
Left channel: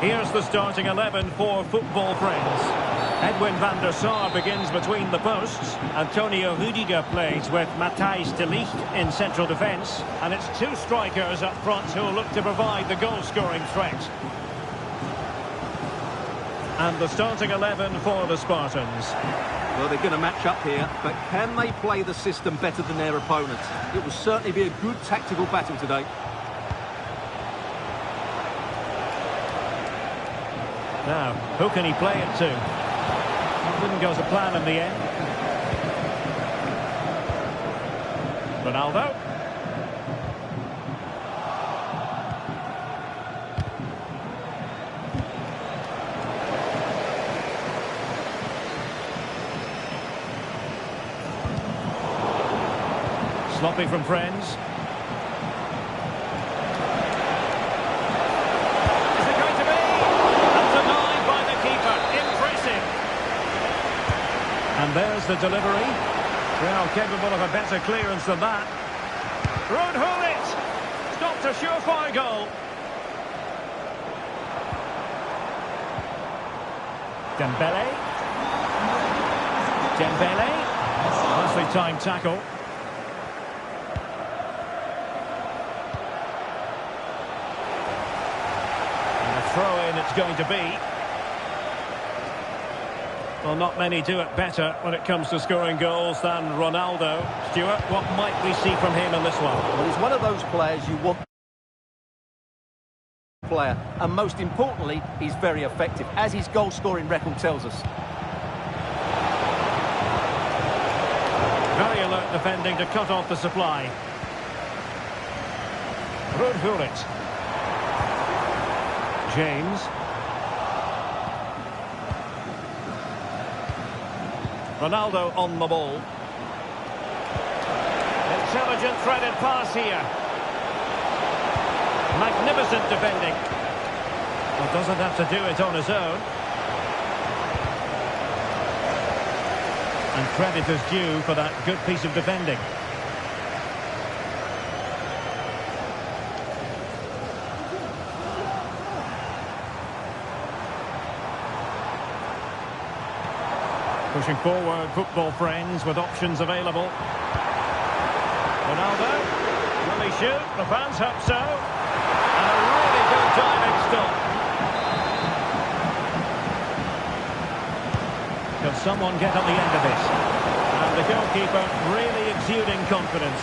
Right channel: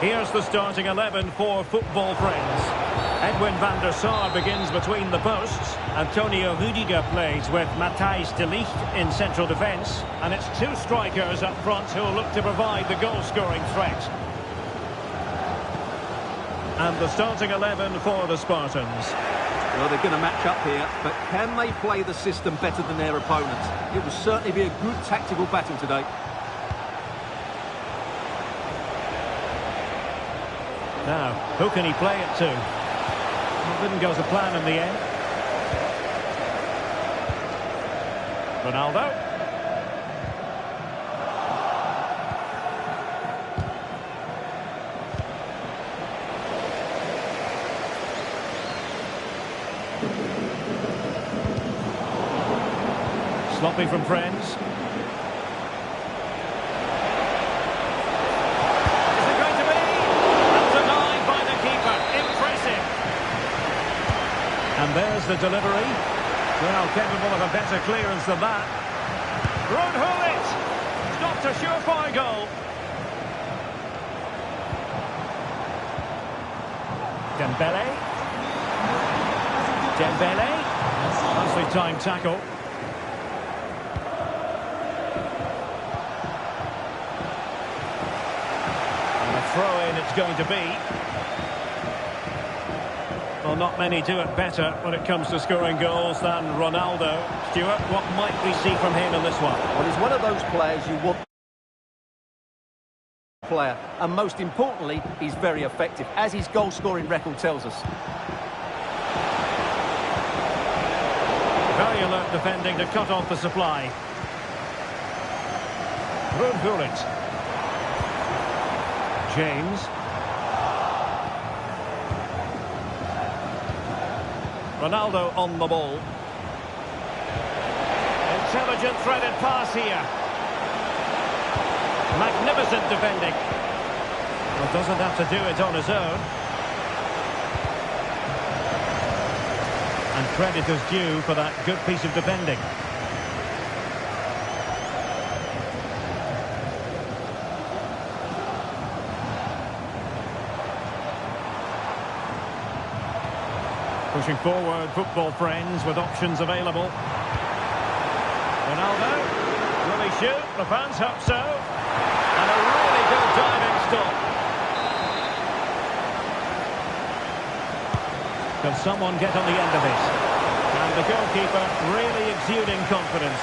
Here's the starting 11 for football friends. Edwin van der Sar begins between the posts. Antonio Rudiger plays with Matthijs de Ligt in central defence. And it's two strikers up front who will look to provide the goal-scoring threat. And the starting 11 for the Spartans. Well, they're going to match up here, but can they play the system better than their opponents? It will certainly be a good tactical battle today. Now, who can he play it to? Well, didn't go to plan in the end. Ronaldo. Sloppy from friends. Is it going to be? And denied by the keeper. Impressive. And there's the delivery. Well, capable of a better clearance than that. Ruud Gullit. Stopped a surefire goal. Dembele. Nicely timed tackle. Throw-in it's going to be. Well, not many do it better when it comes to scoring goals than Ronaldo. Stuart, what might we see from him in this one? Well, he's one of those players you want player, and most importantly, he's very effective, as his goal-scoring record tells us. Very alert defending to cut off the supply. Ruud Gullit. James. Ronaldo on the ball. Intelligent threaded pass here. Magnificent defending. Well, doesn't have to do it on his own. And credit is due for that good piece of defending. Pushing forward, football friends, with options available. Ronaldo, will he shoot? The fans hope so. And a really good diving stop. Can someone get on the end of this? And the goalkeeper really exuding confidence.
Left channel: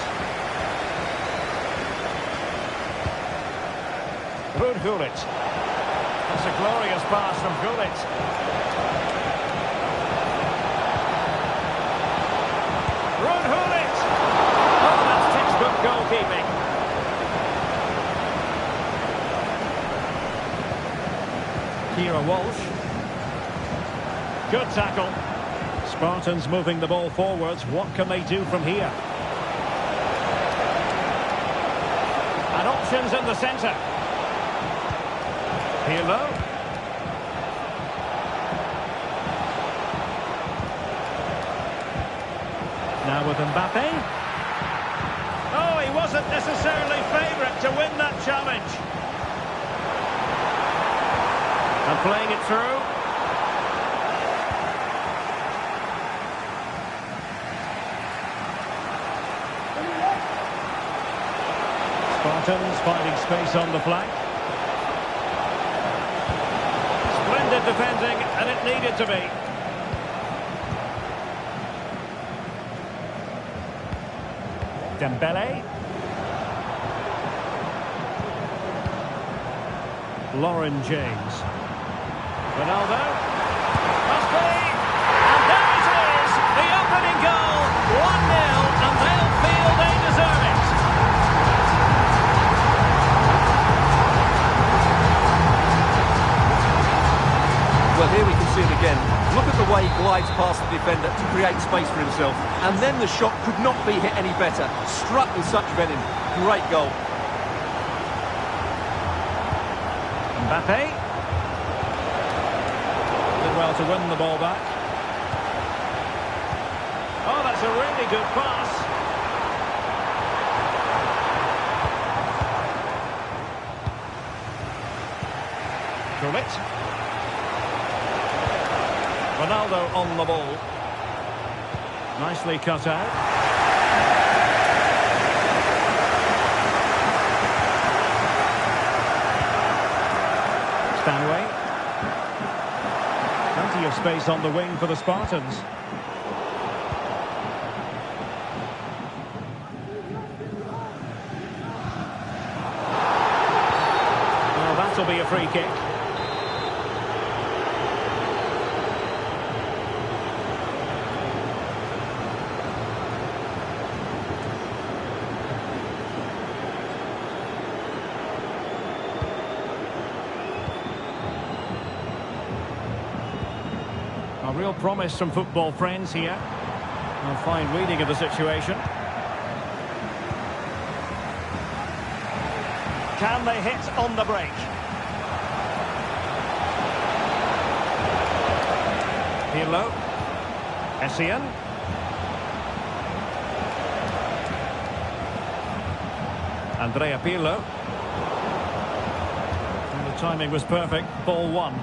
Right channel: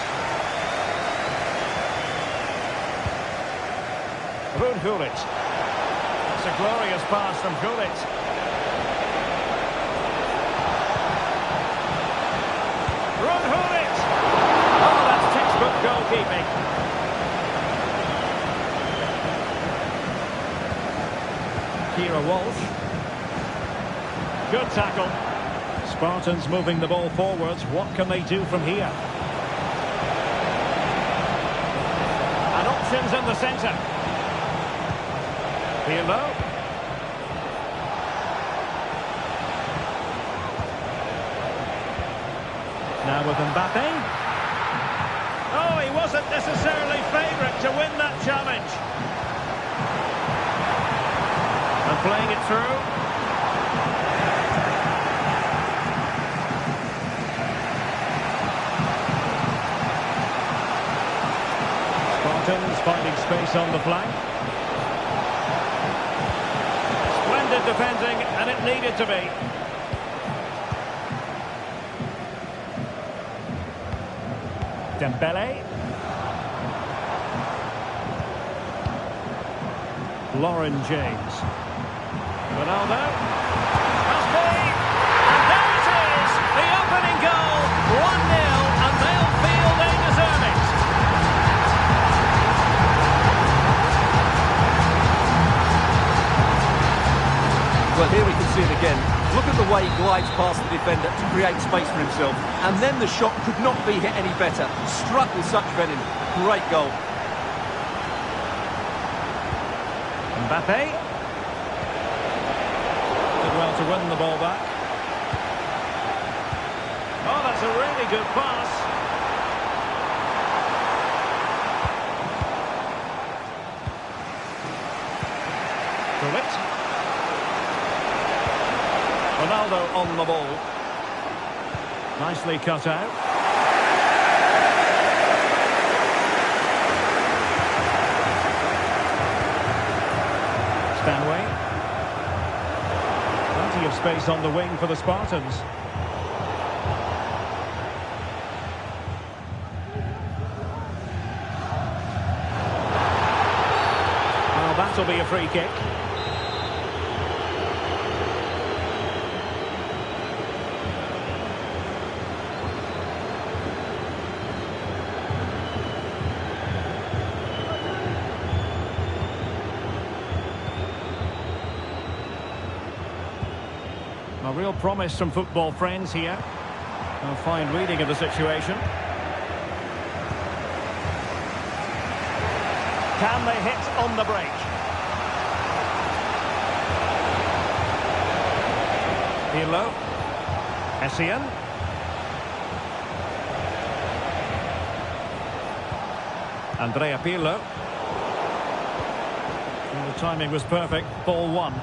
Ruud Gullit. That's a glorious pass from Gullit. Ruud Gullit! Oh, that's textbook goalkeeping. Kira Walsh. Good tackle. Spartans moving the ball forwards. What can they do from here? And options in the centre. Pirlo. Now with Mbappe. Oh, he wasn't necessarily favourite to win that challenge. And playing it through. Spartans finding space on the flank. Splendid defending, and it needed to be. Dembele. Lauren James. Ronaldo. Must be. And there it is. The opening goal. 1-0, and they'll feel they deserve it. Well, here we can see it again. Look at the way he glides past the defender to create space for himself. And then the shot could not be hit any better. Struck with such venom. Great goal. Mbappe. Did well to win the ball back. Oh, that's a really good pass. Gullit. Ronaldo on the ball. Nicely cut out. Stanway. Plenty of space on the wing for the Spartans. Well, that'll be a free kick. A real promise from football friends here. A fine reading of the situation. Can they hit on the break? Pirlo. Essien. Andrea Pirlo. And the timing was perfect. Ball one.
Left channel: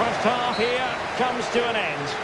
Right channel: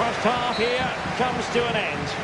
First half here comes to an end.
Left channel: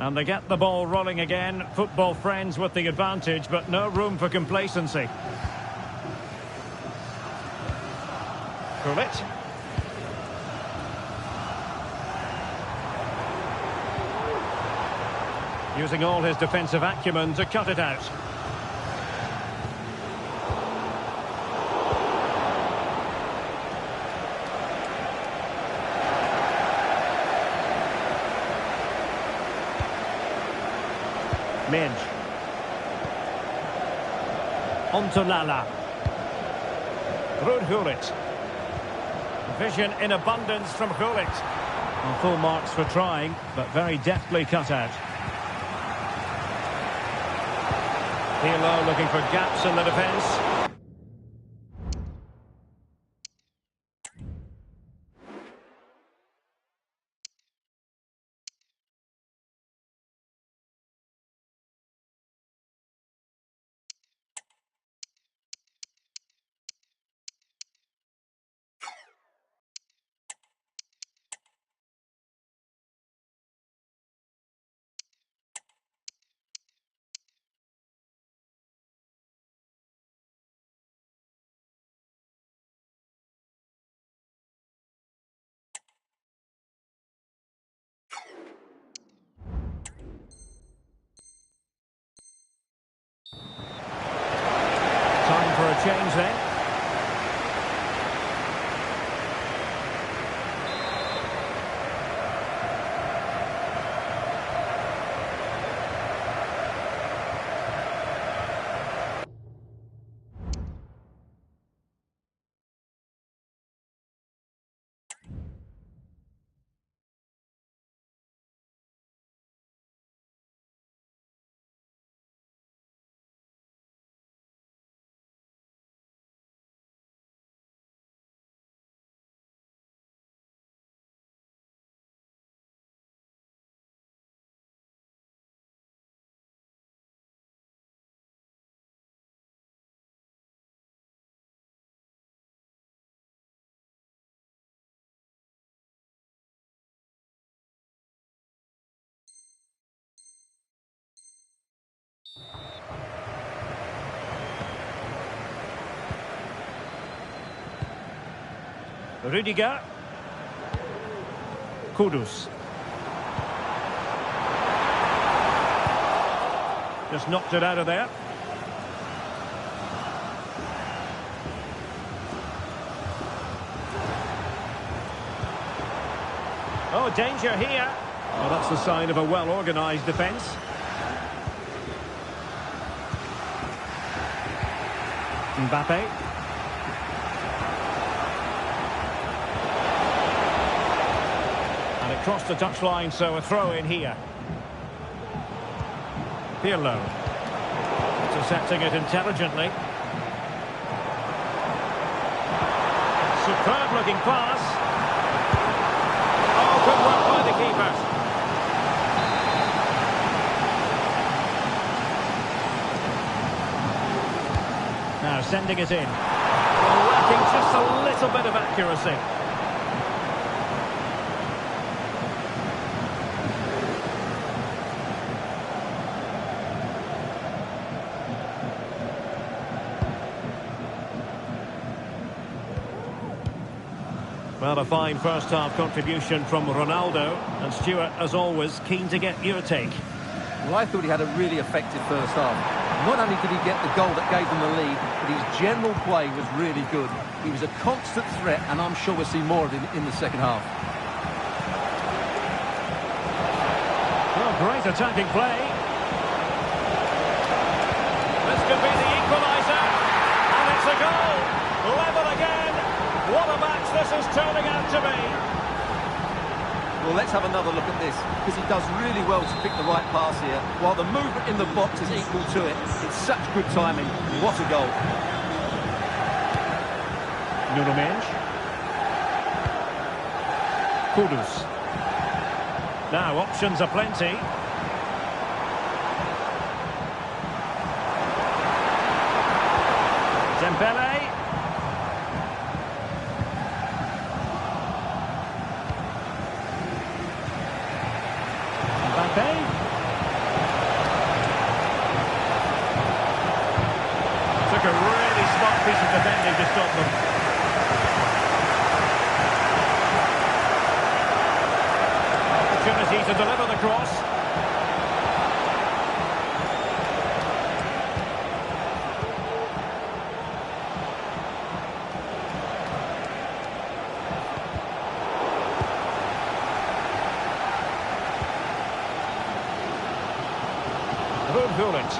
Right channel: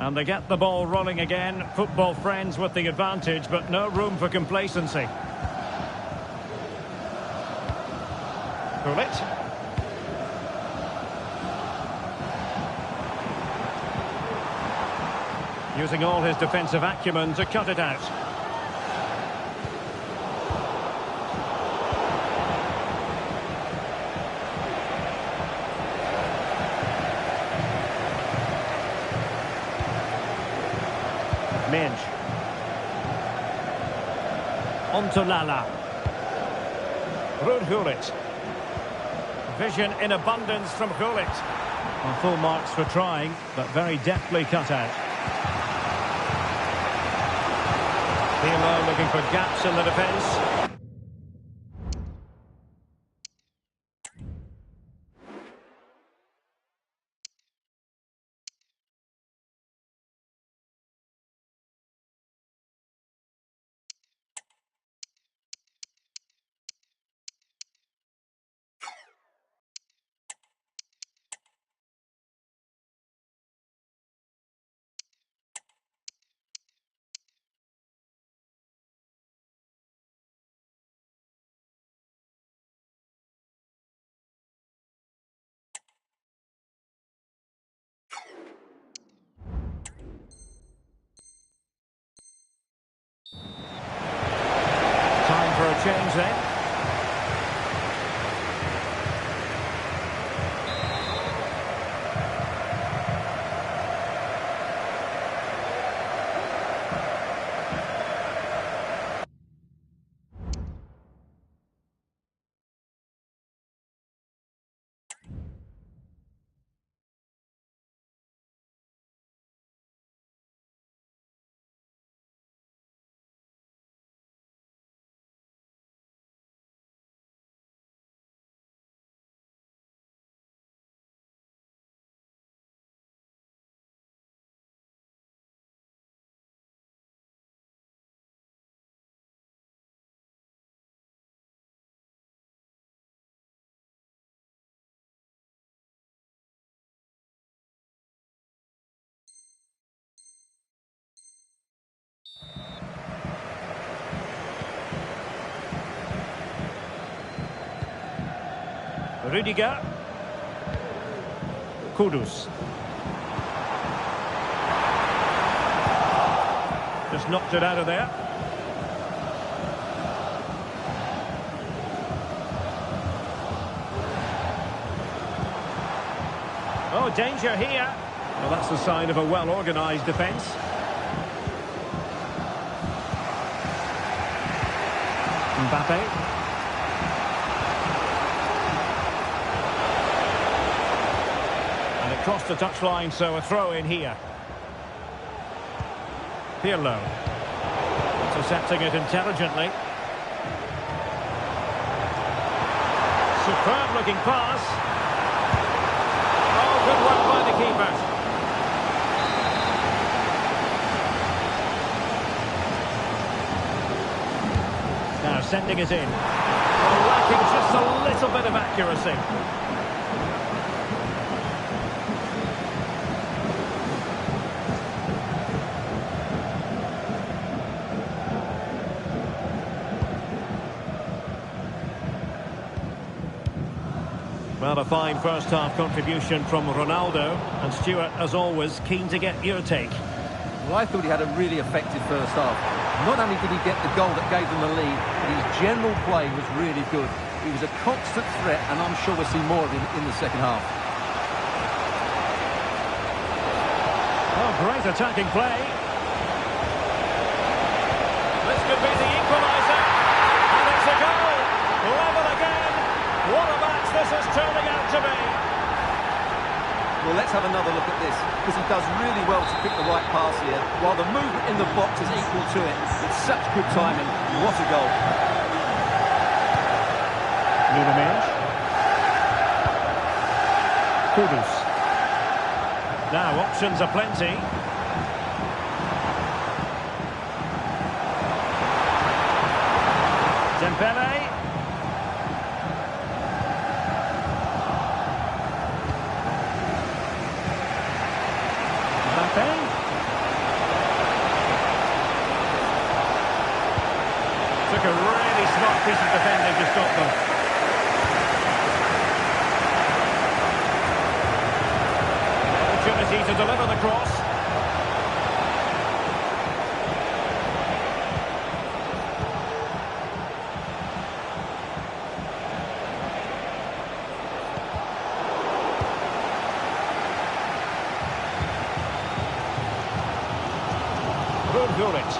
And they get the ball rolling again. Football friends with the advantage, but no room for complacency. Gullit. Using all his defensive acumen to cut it out. Minge. Onto Lala. Ruud Gullit. Vision in abundance from Gullit. Well, full marks for trying, but very deftly cut out. Pirlo looking for gaps in the defence. Time for a change then. Rudiger. Kudus. Just knocked it out of there. Oh, danger here. Well, that's the sign of a well-organised defence. Mbappe. And it crossed the touchline, so a throw in here. Pirlo. Intercepting it intelligently. Superb looking pass. Oh, good work by the keeper. Now sending it in. Well, lacking just a little bit of accuracy. Well, a fine first-half contribution from Ronaldo. And Stuart, as always, keen to get your take. Well, I thought he had a really effective first half. Not only did he get the goal that gave them the lead, but his general play was really good. He was a constant threat, and I'm sure we'll see more of him in the second half. Oh, great attacking play. This could be the equaliser. And it's a goal. Level again. What a match this is turning out to be. Well, let's have another look at this, because he does really well to pick the right pass here, while the movement in the box is equal to it. It's such good timing. What a goal. Nuno Mendes. Kudus. Now, options are plenty. Dembele. Mbappe. Took a really smart piece of defending to stop them. Opportunity to deliver the cross. Gullit.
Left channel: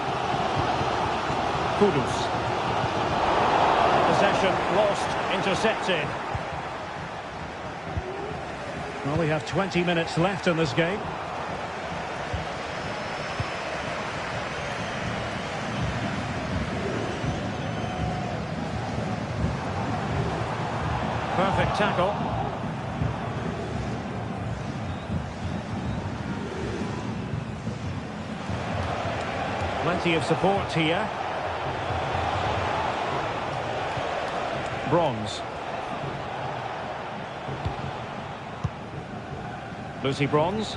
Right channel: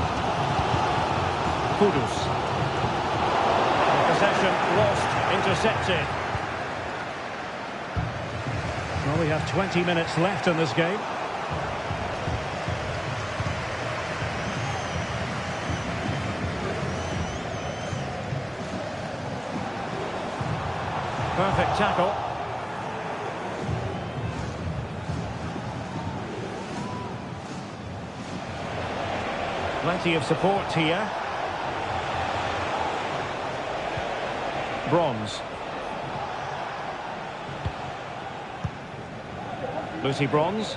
Kudus. Possession lost, intercepted. Well, we have 20 minutes left in this game. Perfect tackle. Plenty of support here. Bronze. Lucy Bronze.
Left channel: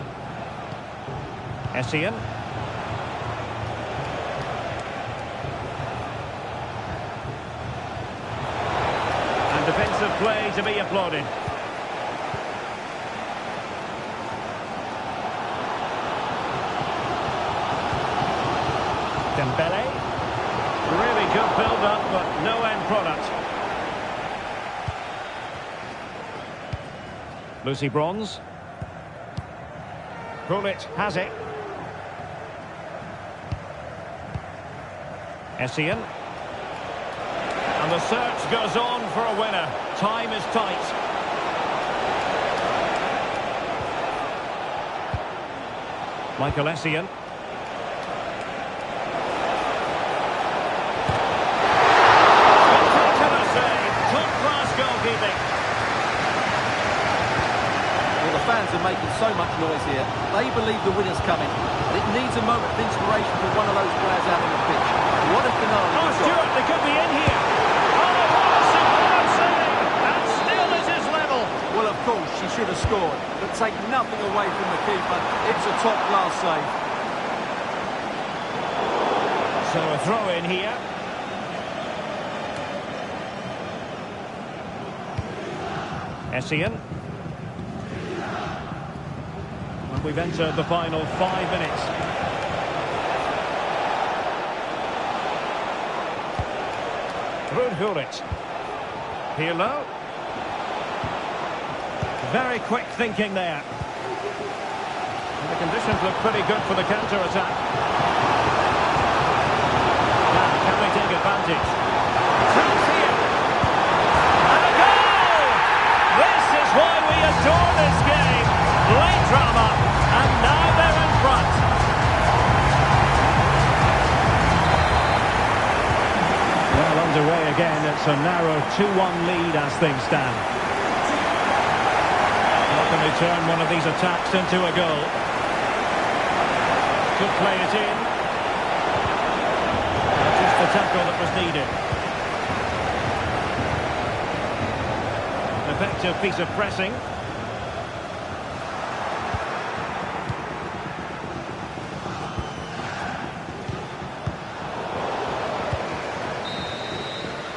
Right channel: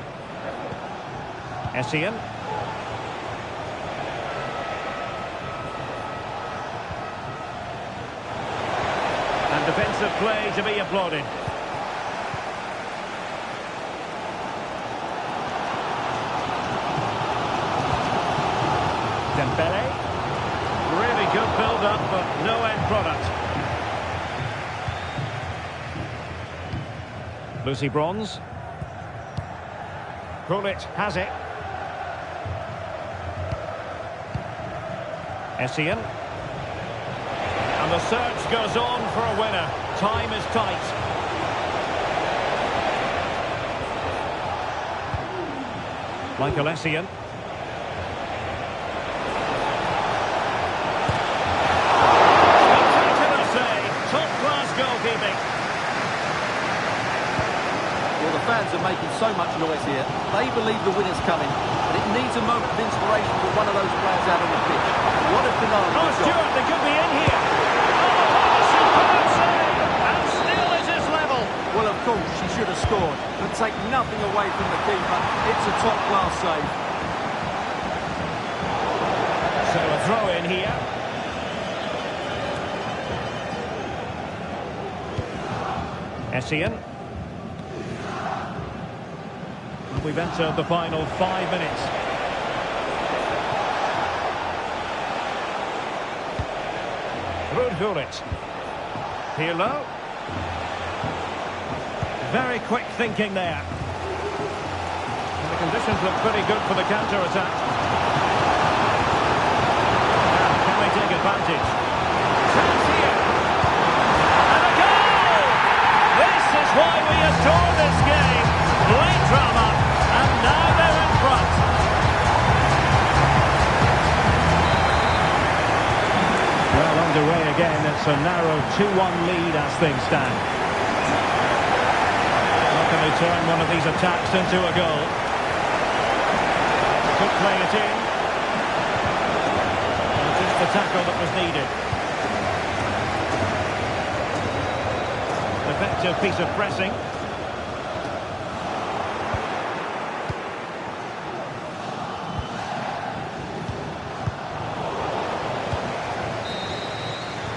Essien. And defensive play to be applauded. Dembele. Really good build-up, but no end product. Lucy Bronze. Gullit has it. Essien. And the search goes on for a winner. Time is tight. Michael Essien. Top-class goalkeeping. Well, the fans are making so much noise here. They believe the winner's coming, and it needs a moment of inspiration for one of those players out on the pitch. What a finale. Oh, Stuart, they could be in here. Oh, what a superb save! And still it is level. Well, of course, she should have scored, but take nothing away from the keeper. It's a top-class save. So a throw in here. Essien. And we've entered the final 5 minutes. Ruud Gullit. Pirlo. Very quick thinking there. And the conditions look pretty good for the counter-attack. Now, can they take advantage? Chance here. And a goal! This is why we adore this game. Late drama, and now they're in front. Well, underway again. It's a narrow 2-1 lead as things stand. How can they turn one of these attacks into a goal? Could play it in. Just the tackle that was needed. Effective piece of pressing.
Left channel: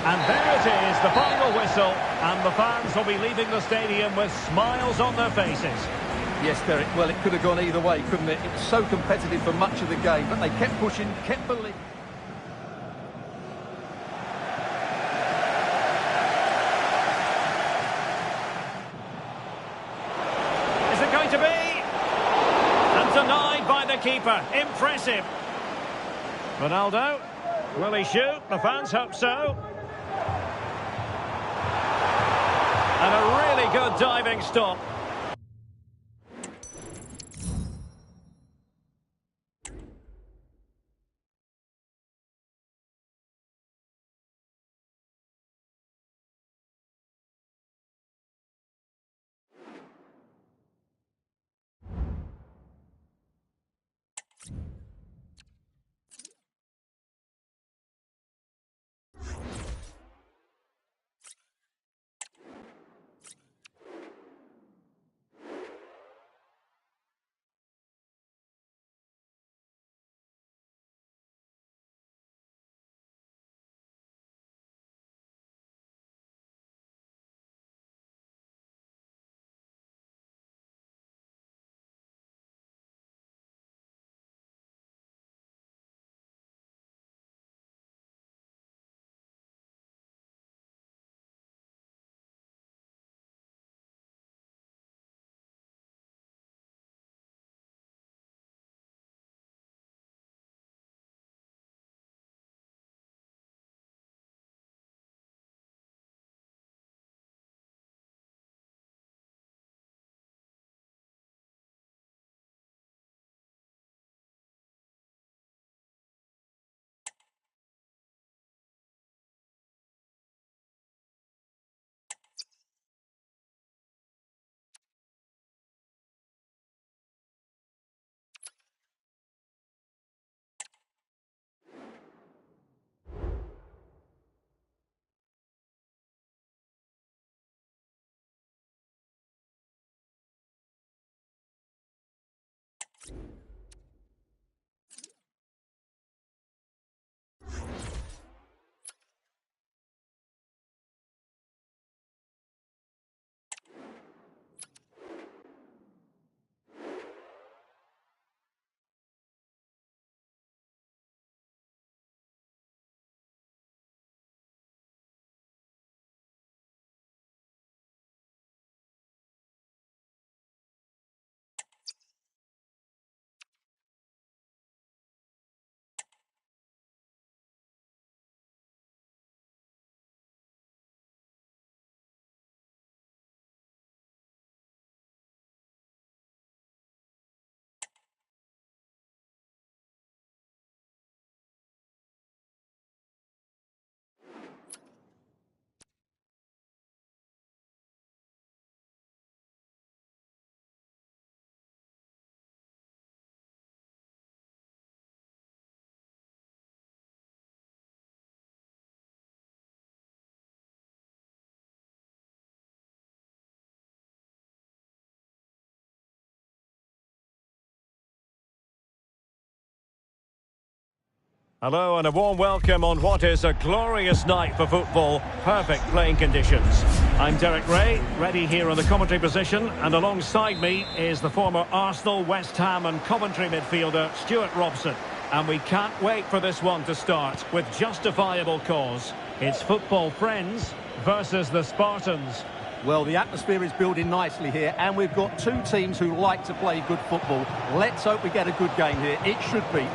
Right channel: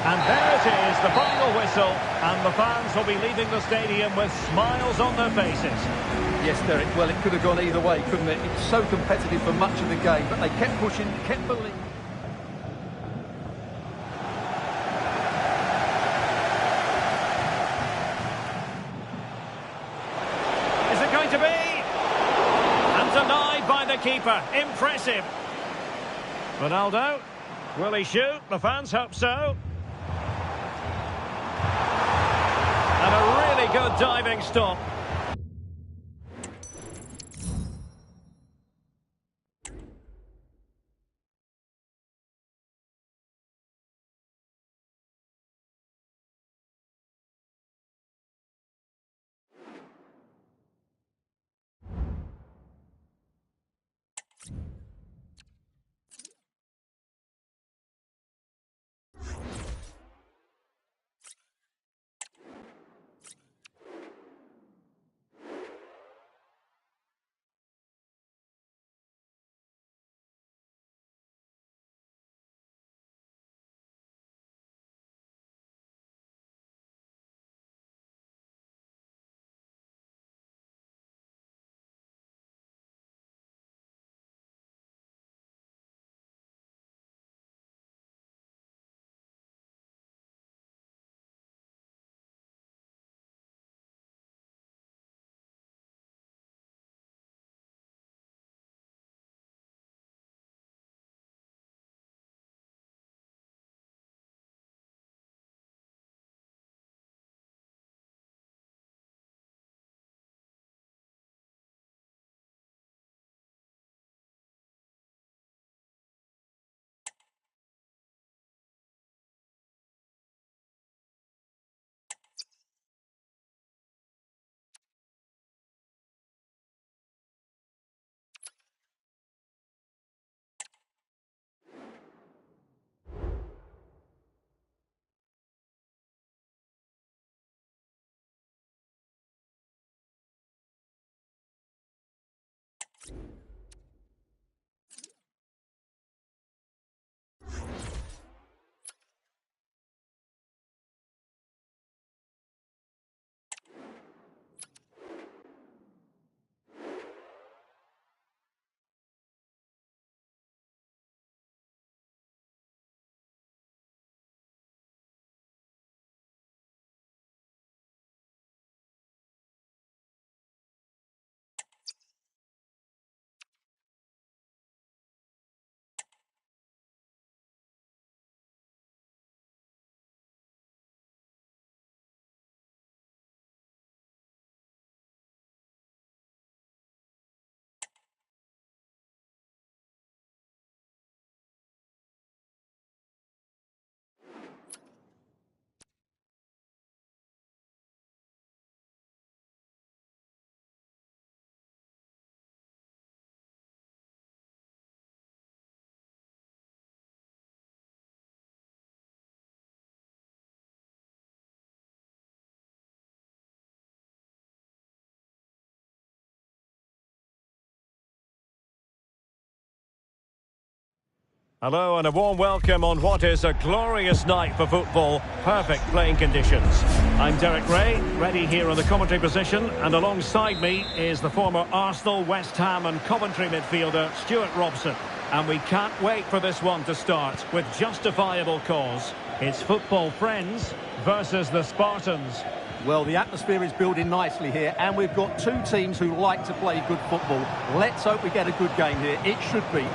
And there it is, the final whistle, and the fans will be leaving the stadium with smiles on their faces. Yes, Derek, well, it could have gone either way, couldn't it? It was so competitive for much of the game, but they kept pushing, kept believing. Is it going to be? And denied by the keeper. Impressive. Ronaldo, will he shoot? The fans hope so. And a really good diving stop. Hello and a warm welcome on what is a glorious night for football. Perfect playing conditions. I'm Derek Ray, ready here on the commentary position, and alongside me is the former Arsenal, West Ham and Coventry midfielder Stuart Robson. And we can't wait for this one to start with justifiable cause. It's football friends versus the Spartans. Well, the atmosphere is building nicely here, and we've got two teams who like to play good football. Let's hope we get a good game here. It should be.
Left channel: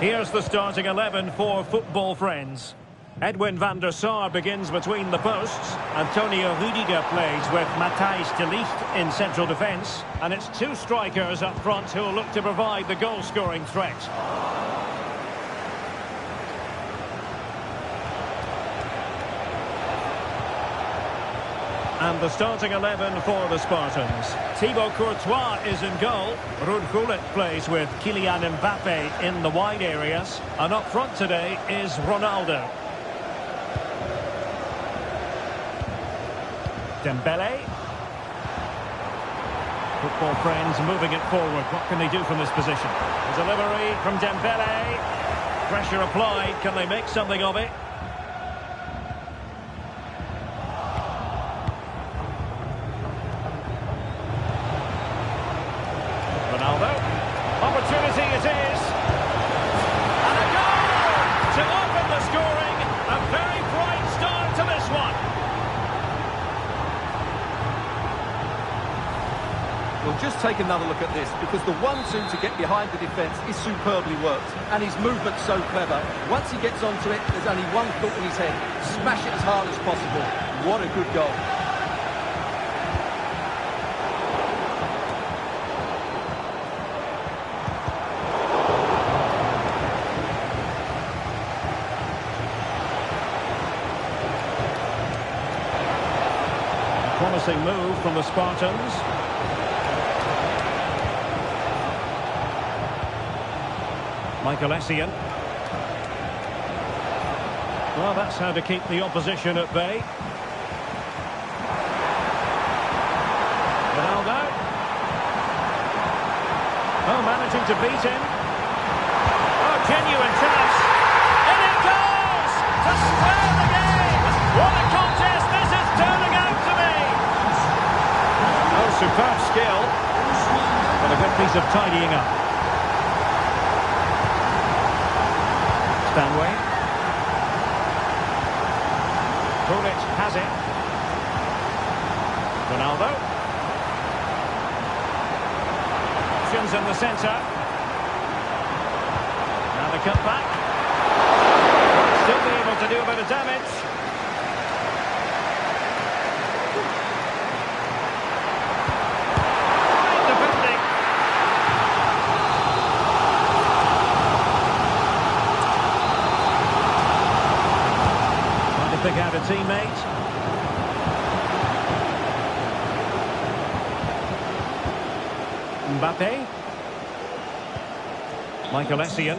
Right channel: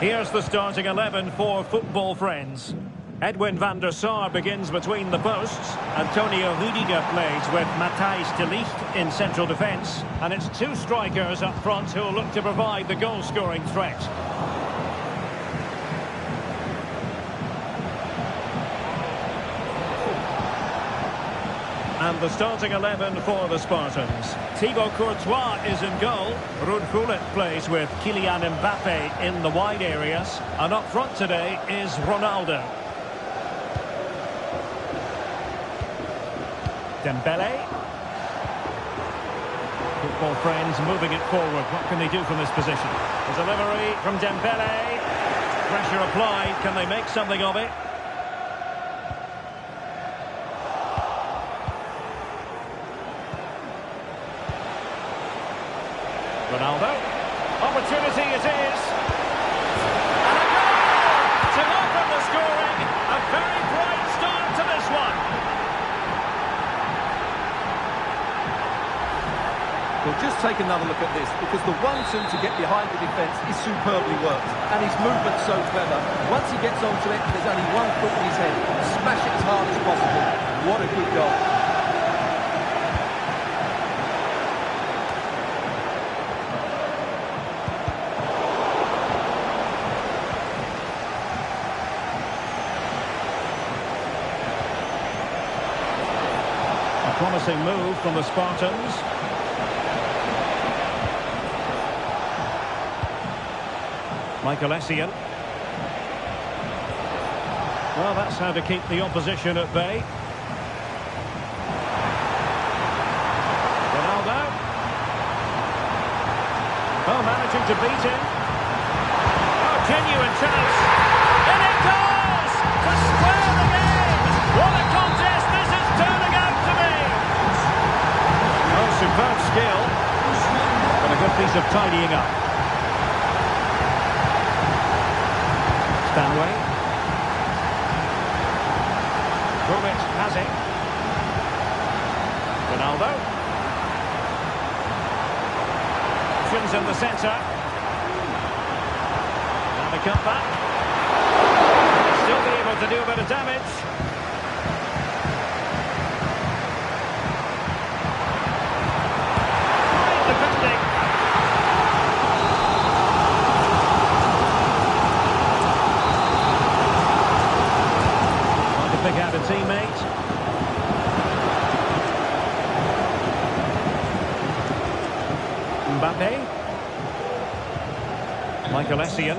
Here's the starting 11 for football friends. Edwin van der Sar begins between the posts. Antonio Rudiger plays with Matthijs de Ligt in central defence. And it's two strikers up front who will look to provide the goal-scoring threat. And the starting 11 for the Spartans. Thibaut Courtois is in goal. Ruud Gullit plays with Kylian Mbappe in the wide areas. And up front today is Ronaldo. Dembele. Football friends moving it forward. What can they do from this position? The delivery from Dembele. Pressure applied. Can they make something of it? Ronaldo. Opportunity it is. And a goal to open the scoring. A very bright start to this one. Well, just take another look at this, because the 1-2 to get behind the defence is superbly worked. And his movement's so clever. Once he gets onto it, there's only one thought in his head. Smash it as hard as possible. What a good goal. Promising move from the Spartans. Michael Essien. Well, that's how to keep the opposition at bay. Ronaldo. Oh, managing to beat him. Oh, genuine chance. And it goes to square the game. What a contest this is turning out to be. Oh, superb skill, but a good piece of tidying up. Stanway. Gullit has it. Ronaldo. Options in the centre. Now the cut back. Still be able to do a bit of damage. Defending. Trying to pick out a teammate. Mbappe. Michael Essien.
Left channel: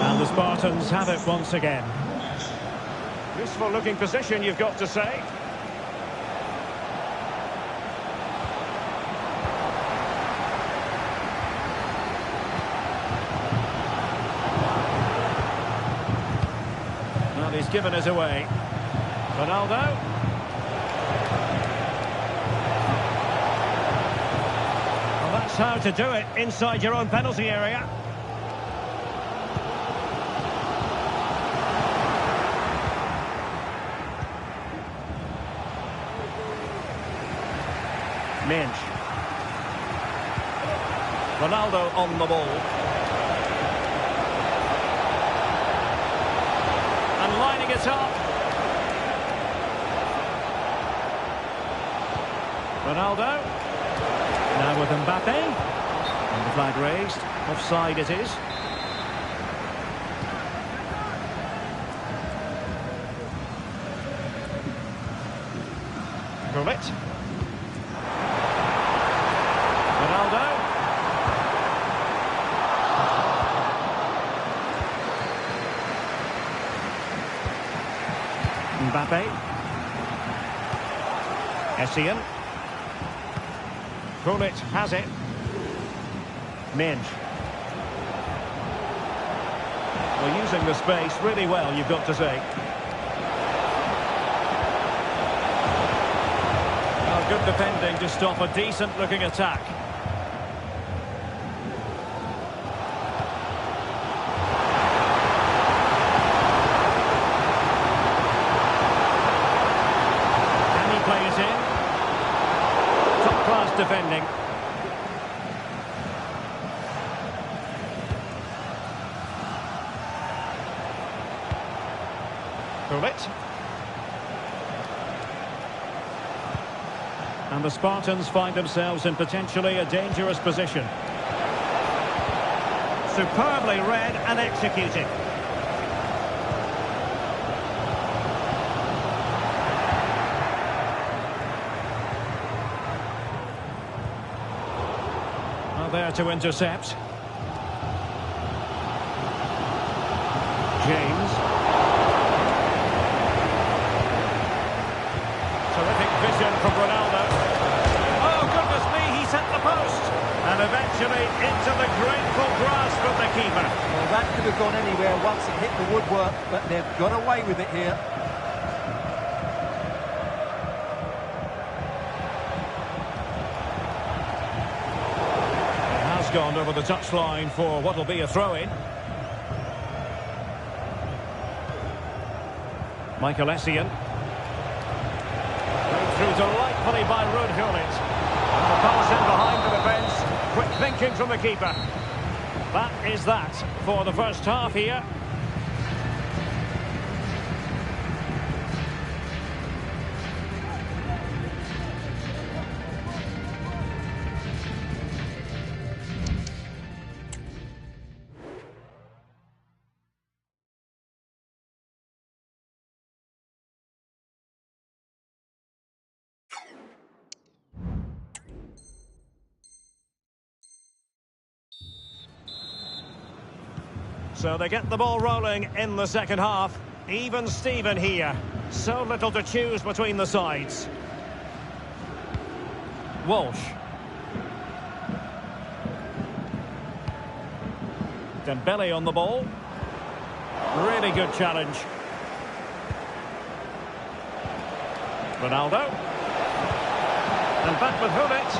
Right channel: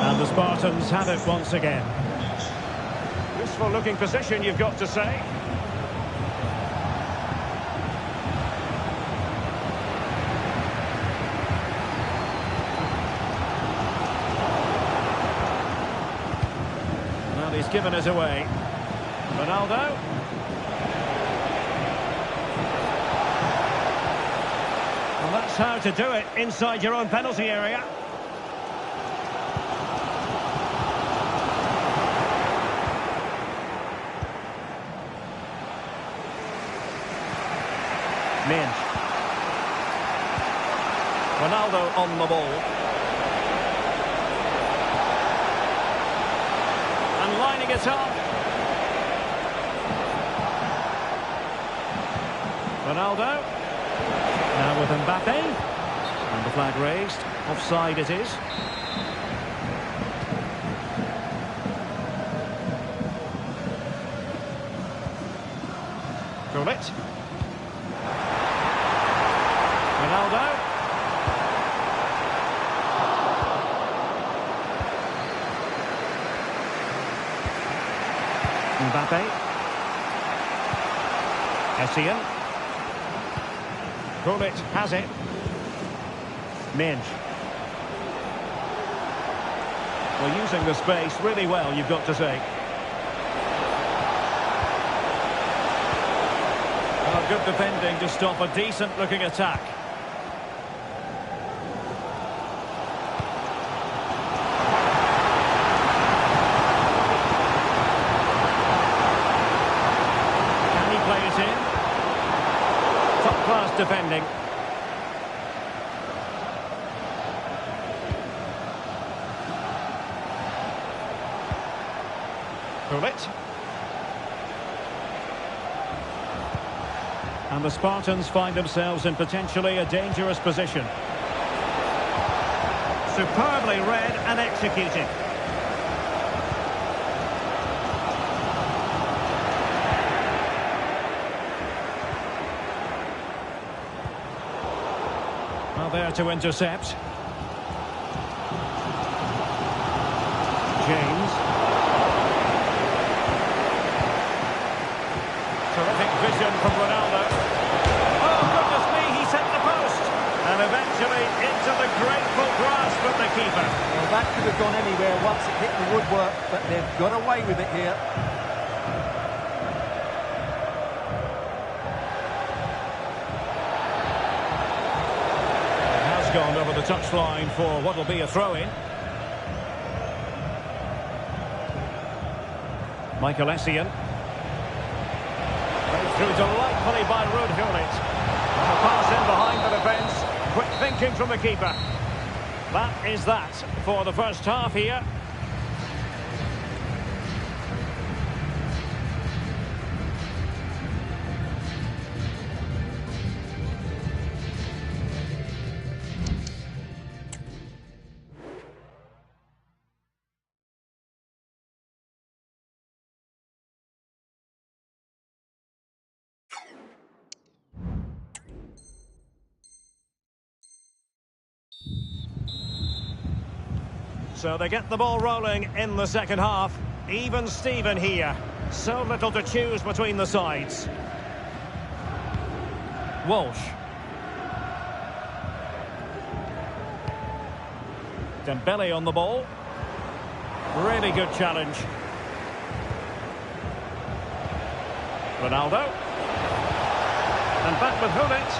And the Spartans have it once again. Useful looking position, you've got to say. Well, he's given us away. Ronaldo. Well, that's how to do it inside your own penalty area. Minge. Ronaldo on the ball. And lining it up. Ronaldo. Now with Mbappe. And the flag raised. Offside it is. Gullit. Ronaldo. Mbappe. Essien. Gullit has it. Minge. Well, using the space really well, you've got to say. Oh, good defending to stop a decent-looking attack. Can he play it in? Top-class defending. Gullit. And the Spartans find themselves in potentially a dangerous position. Superbly read and executed. Well, there to intercept. James. Terrific vision from Ronaldo. Oh, goodness me, he's hit the post. And eventually into the grateful grasp of the keeper. Well, that could have gone anywhere once it hit the woodwork, but they've got away with it here. It has gone over the touchline for what will be a throw-in. Michael Essien. Played through delightfully by Ruud Gullit. And the pass in behind the defence. Quick thinking from the keeper. That is that for the first half here. So they get the ball rolling in the second half. Even Steven here. So little to choose between the sides. Walsh. Dembele on the ball. Really good challenge. Ronaldo. And back with Gullit.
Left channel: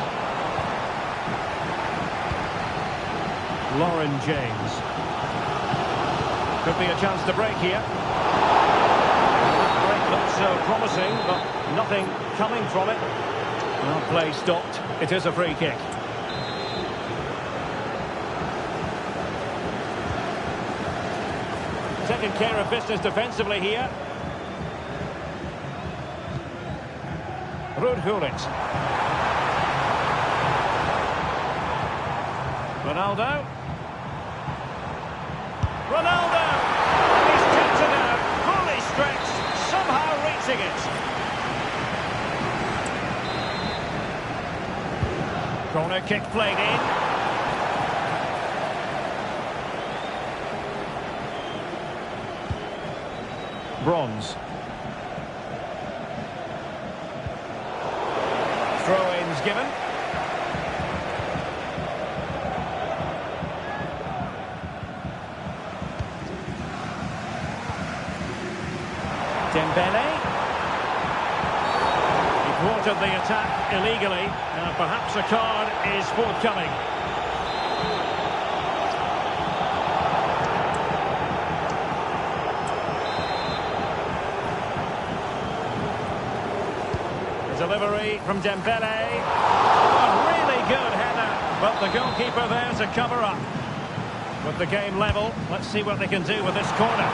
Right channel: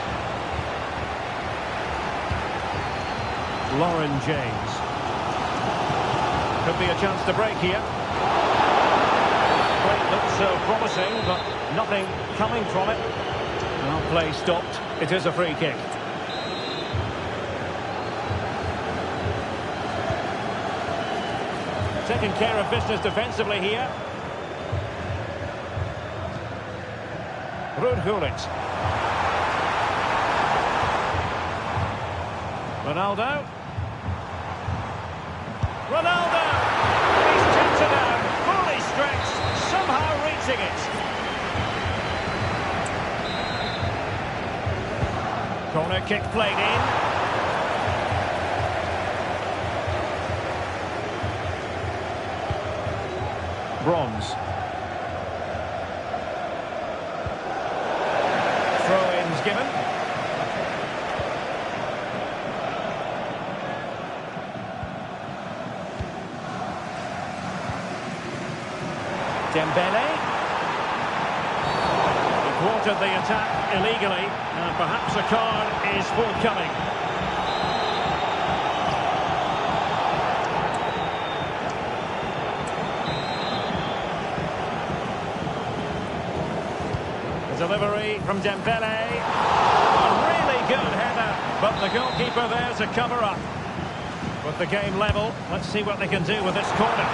Lauren James. Could be a chance to break here. Well, that break looked so promising, but nothing coming from it. Well, play stopped. It is a free kick. Taking care of business defensively here. Ruud Gullit. Ronaldo. Ronaldo! He's tipped it out, fully stretched, somehow reaching it. Corner kick played in. Bronze. Throw-ins given. Dembele. He thwarted the attack illegally, and perhaps a card is forthcoming. The delivery from Dembele. Oh, a really good header, but the goalkeeper there to cover up. With the game level, let's see what they can do with this corner.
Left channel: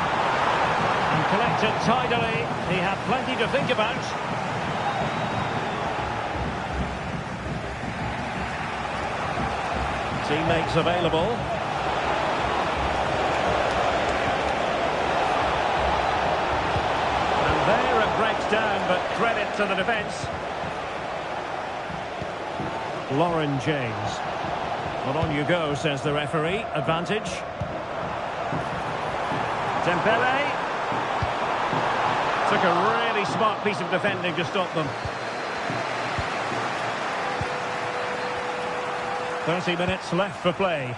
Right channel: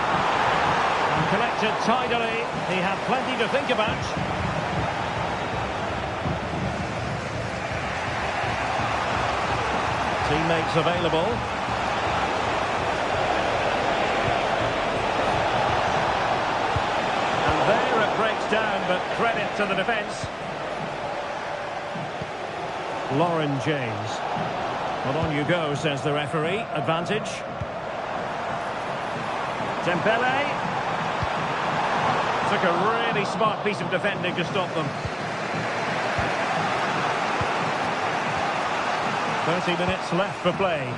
And collected tidily. He had plenty to think about. Teammates available. And there it breaks down, but credit to the defence. Lauren James. Well, on you go, says the referee. Advantage. Dembele. Took a really smart piece of defending to stop them. 30 minutes left for play.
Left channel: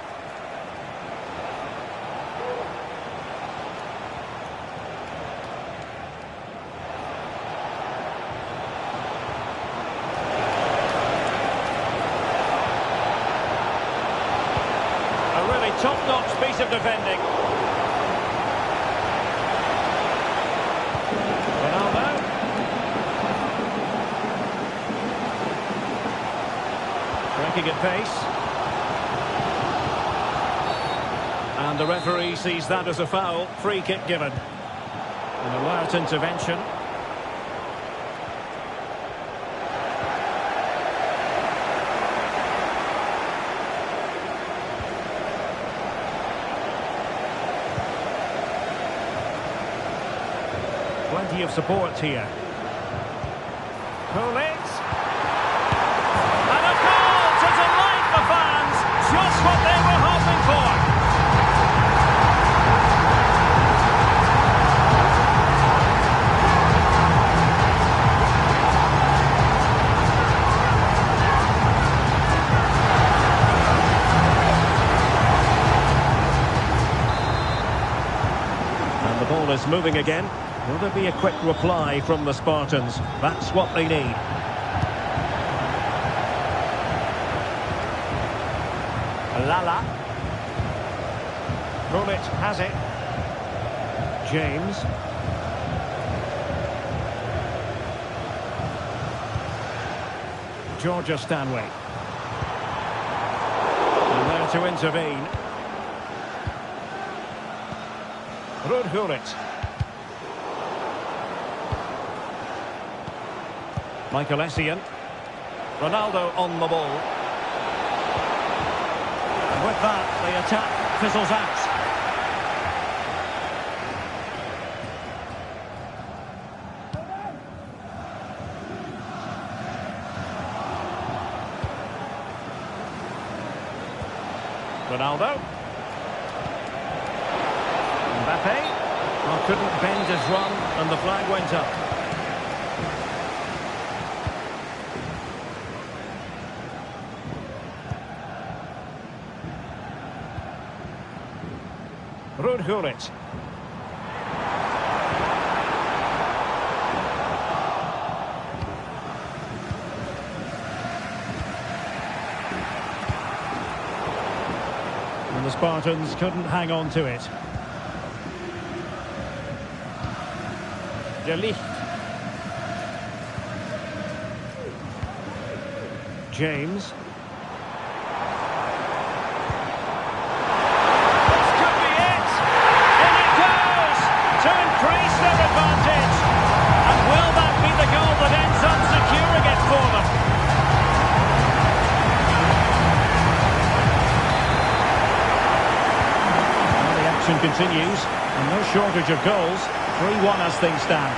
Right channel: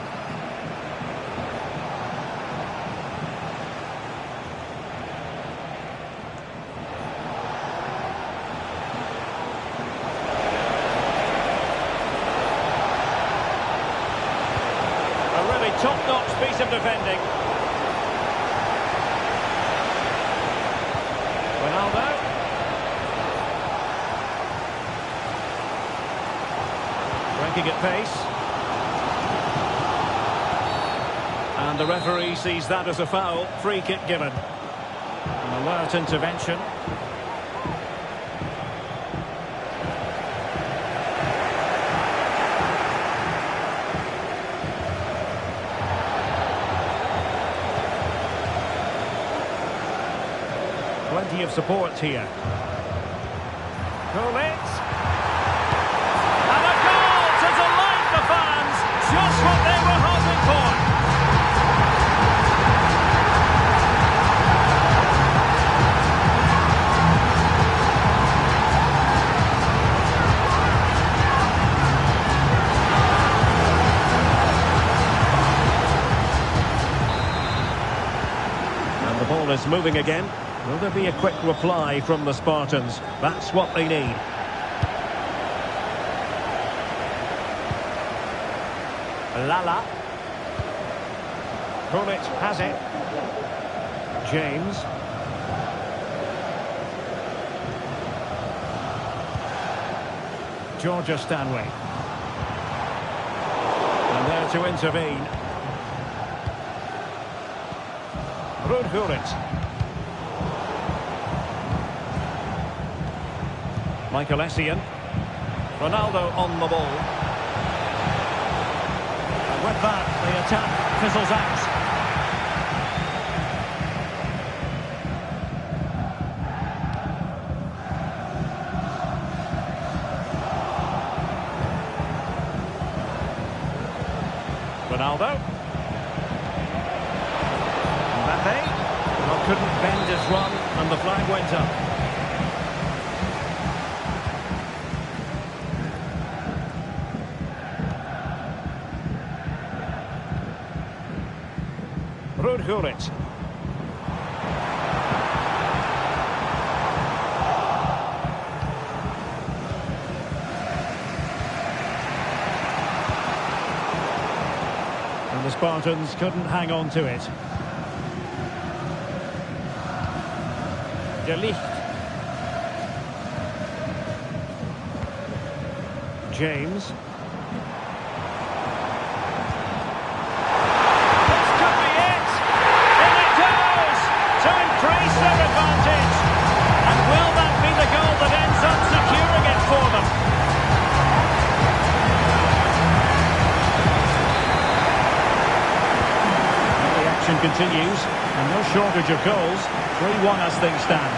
A really top-notch piece of defending. Ronaldo. Breaking at pace. And the referee sees that as a foul. Free kick given. An alert intervention. Plenty of support here. Gullit. And a goal to delight the fans. Just what they were hoping for. And the ball is moving again. Will there be a quick reply from the Spartans? That's what they need. Lala. Gullit has it. James. Georgia Stanway. And there to intervene. Ruud Gullit. Michael Essien. Ronaldo on the ball. And with that, the attack fizzles out. Ronaldo. Mbappe. Well, couldn't bend his run, and the flag went up. Ruud Gullit. And the Spartans couldn't hang on to it. De Ligt. James. Increase their advantage, and will that be the goal that ends up securing it for them? Well, the action continues, and no shortage of goals. 3-1 as things stand.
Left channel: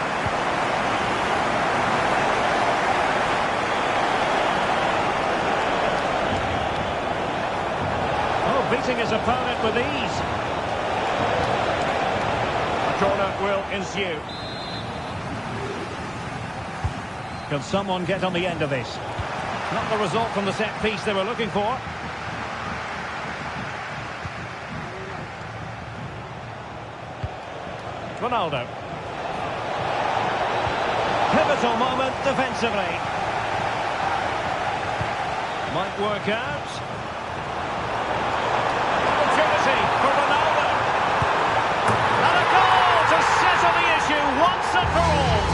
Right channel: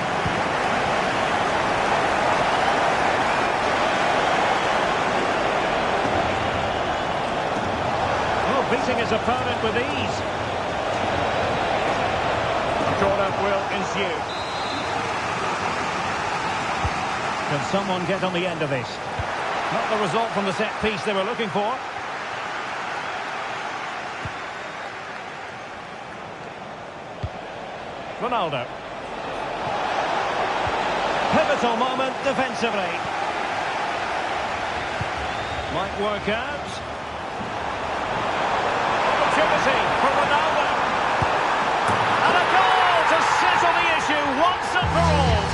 Oh, beating his opponent with ease. Corner will ensue. Can someone get on the end of this? Not the result from the set piece they were looking for. Ronaldo. Pivotal moment defensively. Might work out. Opportunity for Ronaldo. And a goal to settle the issue once and for all.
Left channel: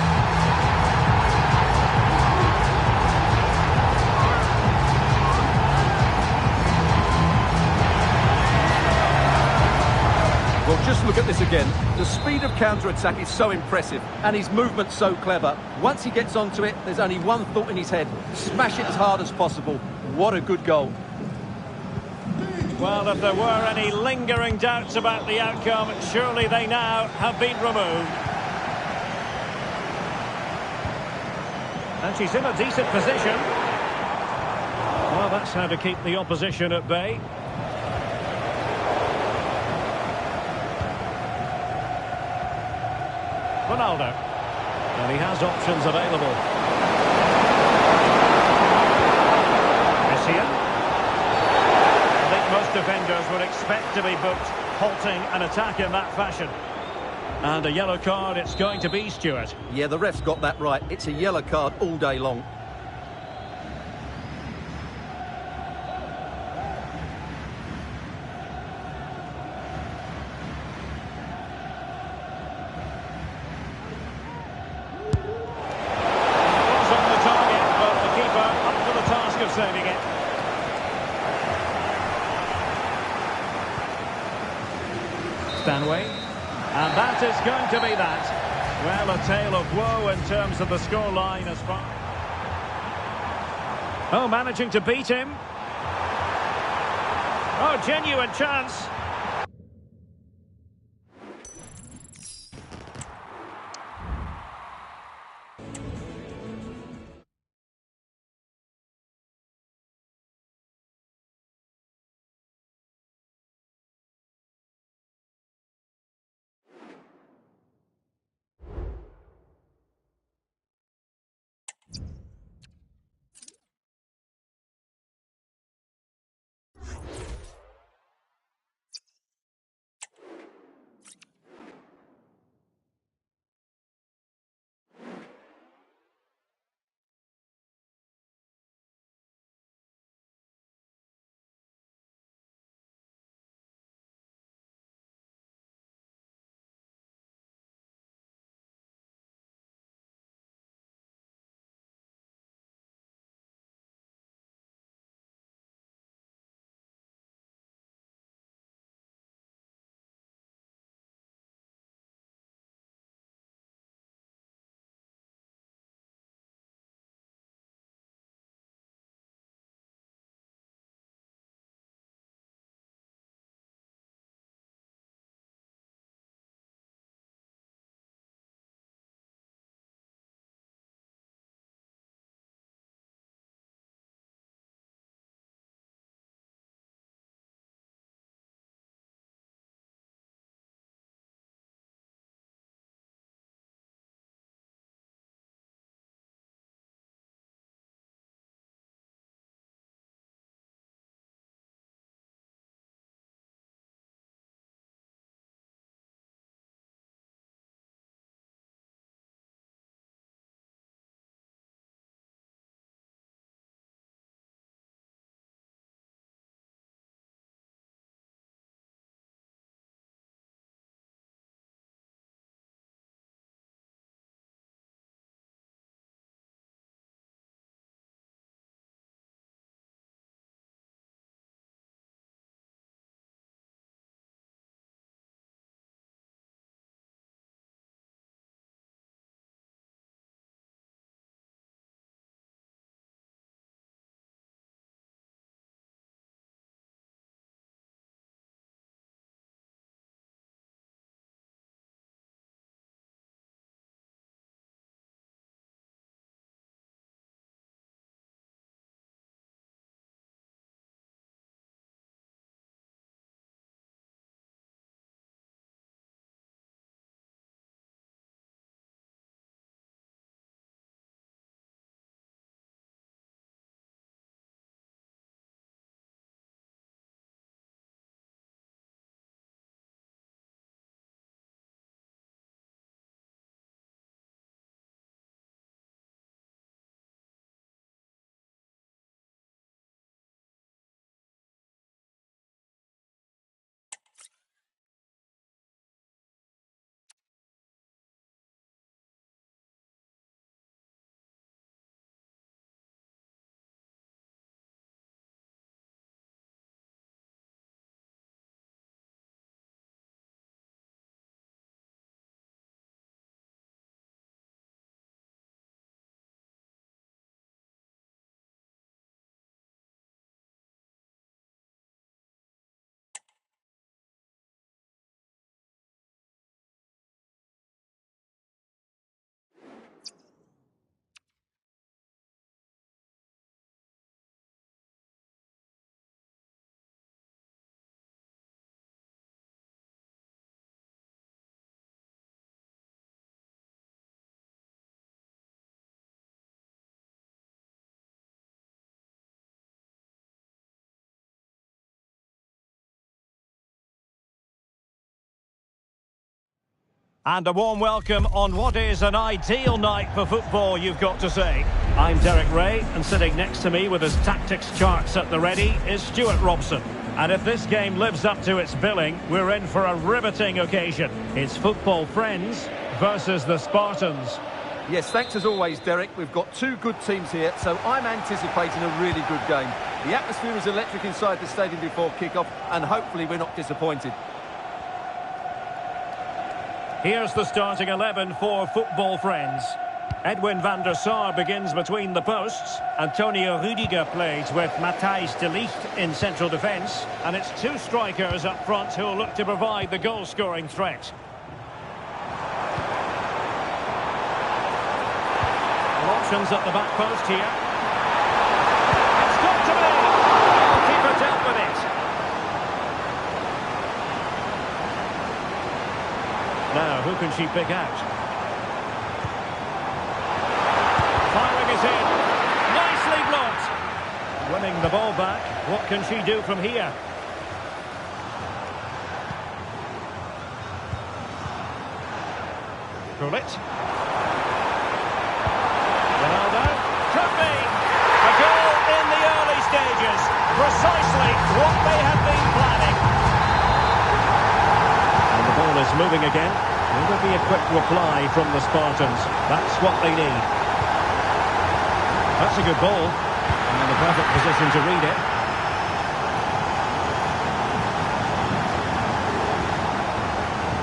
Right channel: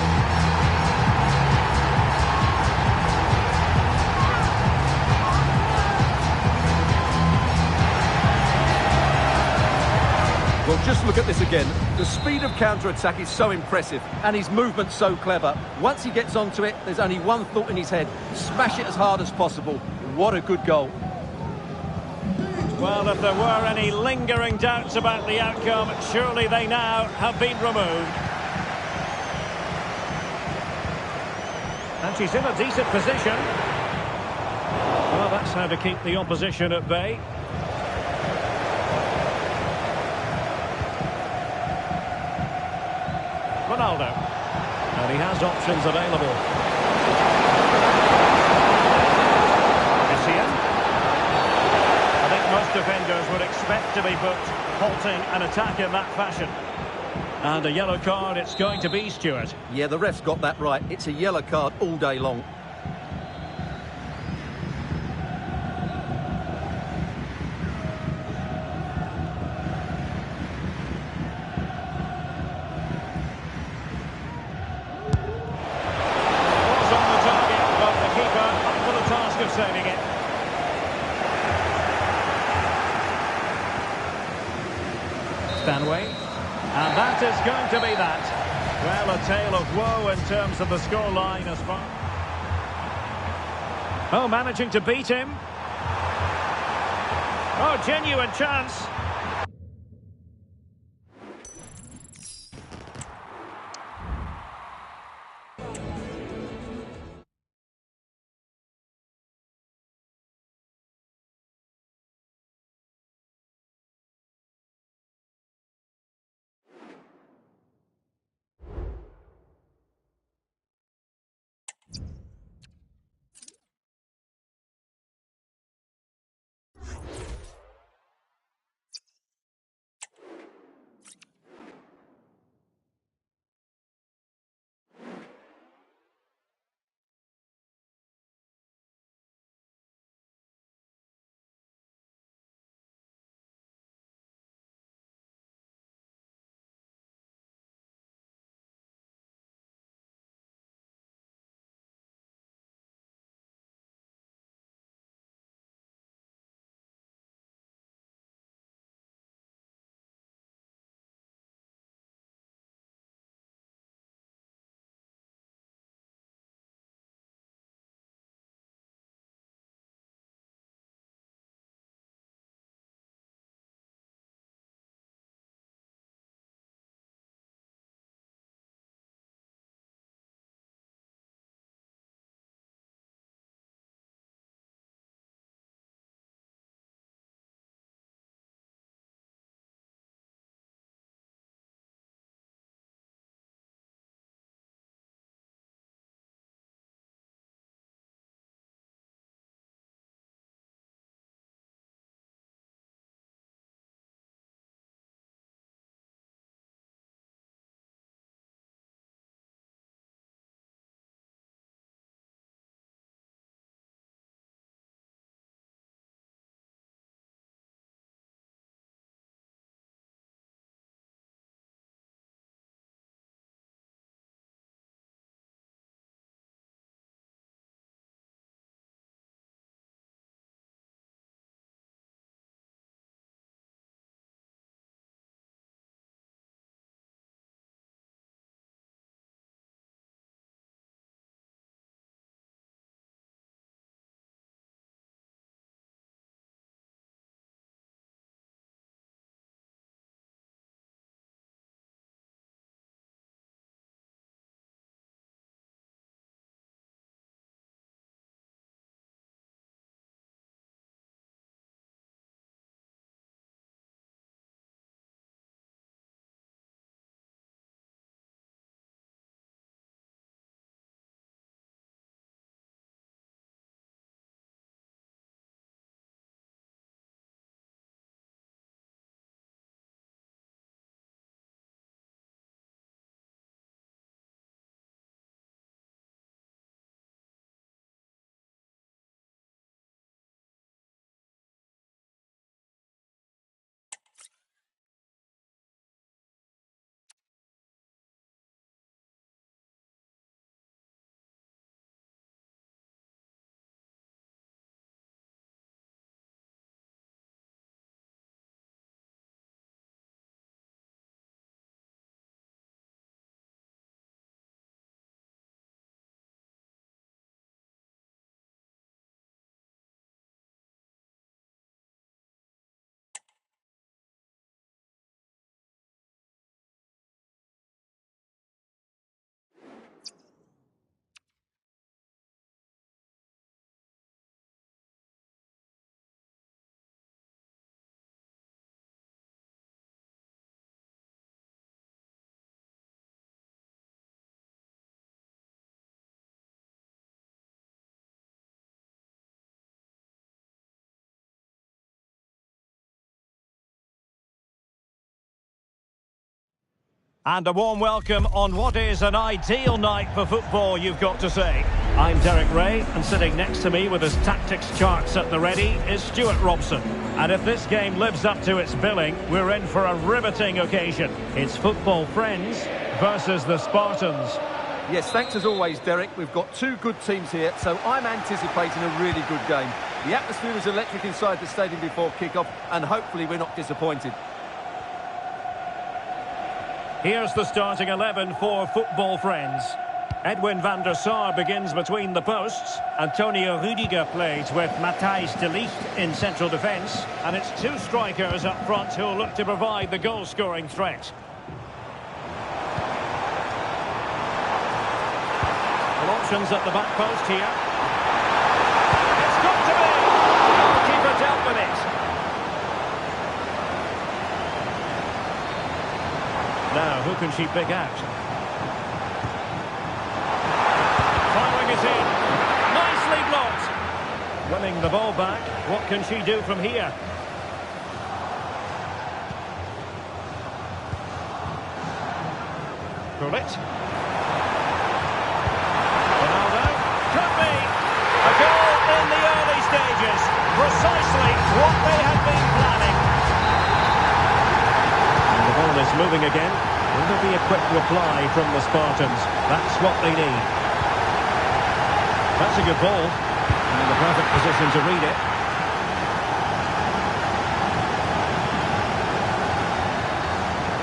Well, just look at this again. The speed of counter-attack is so impressive, and his movement's so clever. Once he gets onto it, there's only one thought in his head. Smash it as hard as possible. What a good goal. Well, if there were any lingering doubts about the outcome, surely they now have been removed. And she's in a decent position. Well, that's how to keep the opposition at bay. Ronaldo. And he has options available. most defenders would expect to be booked, halting an attack in that fashion. And a yellow card it's going to be, Stuart. Yeah, the ref's got that right. It's a yellow card all day long. Of saving it. Stanway, and that is going to be that. Well, a tale of woe in terms of the scoreline as far. Oh, managing to beat him. Oh, genuine chance. And a warm welcome on what is an ideal night for football, you've got to say. I'm Derek Ray, and sitting next to me with his tactics charts at the ready is Stuart Robson. And if this game lives up to its billing, we're in for a riveting occasion. It's Football Friends versus the Spartans. Yes, thanks as always, Derek. We've got two good teams here, so I'm anticipating a really good game. The atmosphere is electric inside the stadium before kick-off, and hopefully we're not disappointed. Here's the starting 11 for Football Friends. Edwin van der Sar begins between the posts. Antonio Rudiger plays with Matthijs de Ligt in central defence. And it's two strikers up front who'll look to provide the goal-scoring threat. Well, options at the back post here. It's got to be! Goalkeeper dealt with it. Now, who can she pick out? Firing it in. Nicely blocked. Winning the ball back. What can she do from here? Gullit. Ronaldo. Could be. A goal in the early stages. Precisely what they had been planning. And the ball is moving again. Will there be a quick reply from the Spartans? That's what they need. That's a good ball. And the perfect position to read it.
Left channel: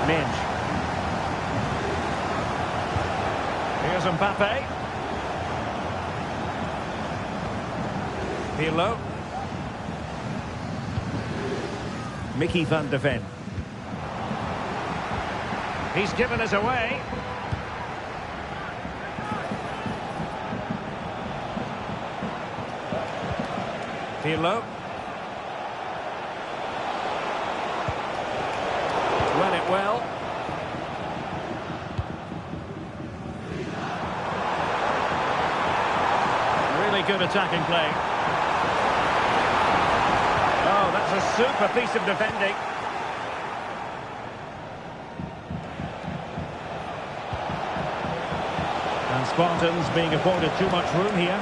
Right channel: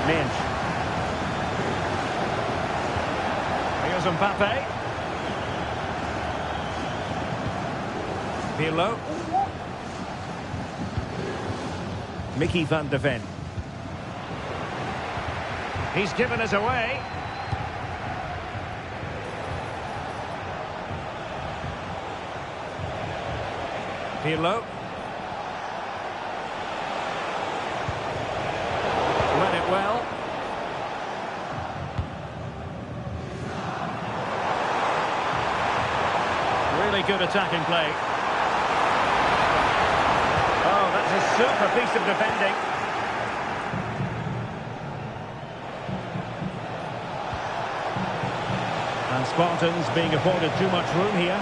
Minge. Here's Mbappe. Pirlo. Mickey van de Ven. He's given us away. Pirlo. Read it well. Really good attacking play. Oh, that's a super piece of defending. And Spartans being afforded too much room here.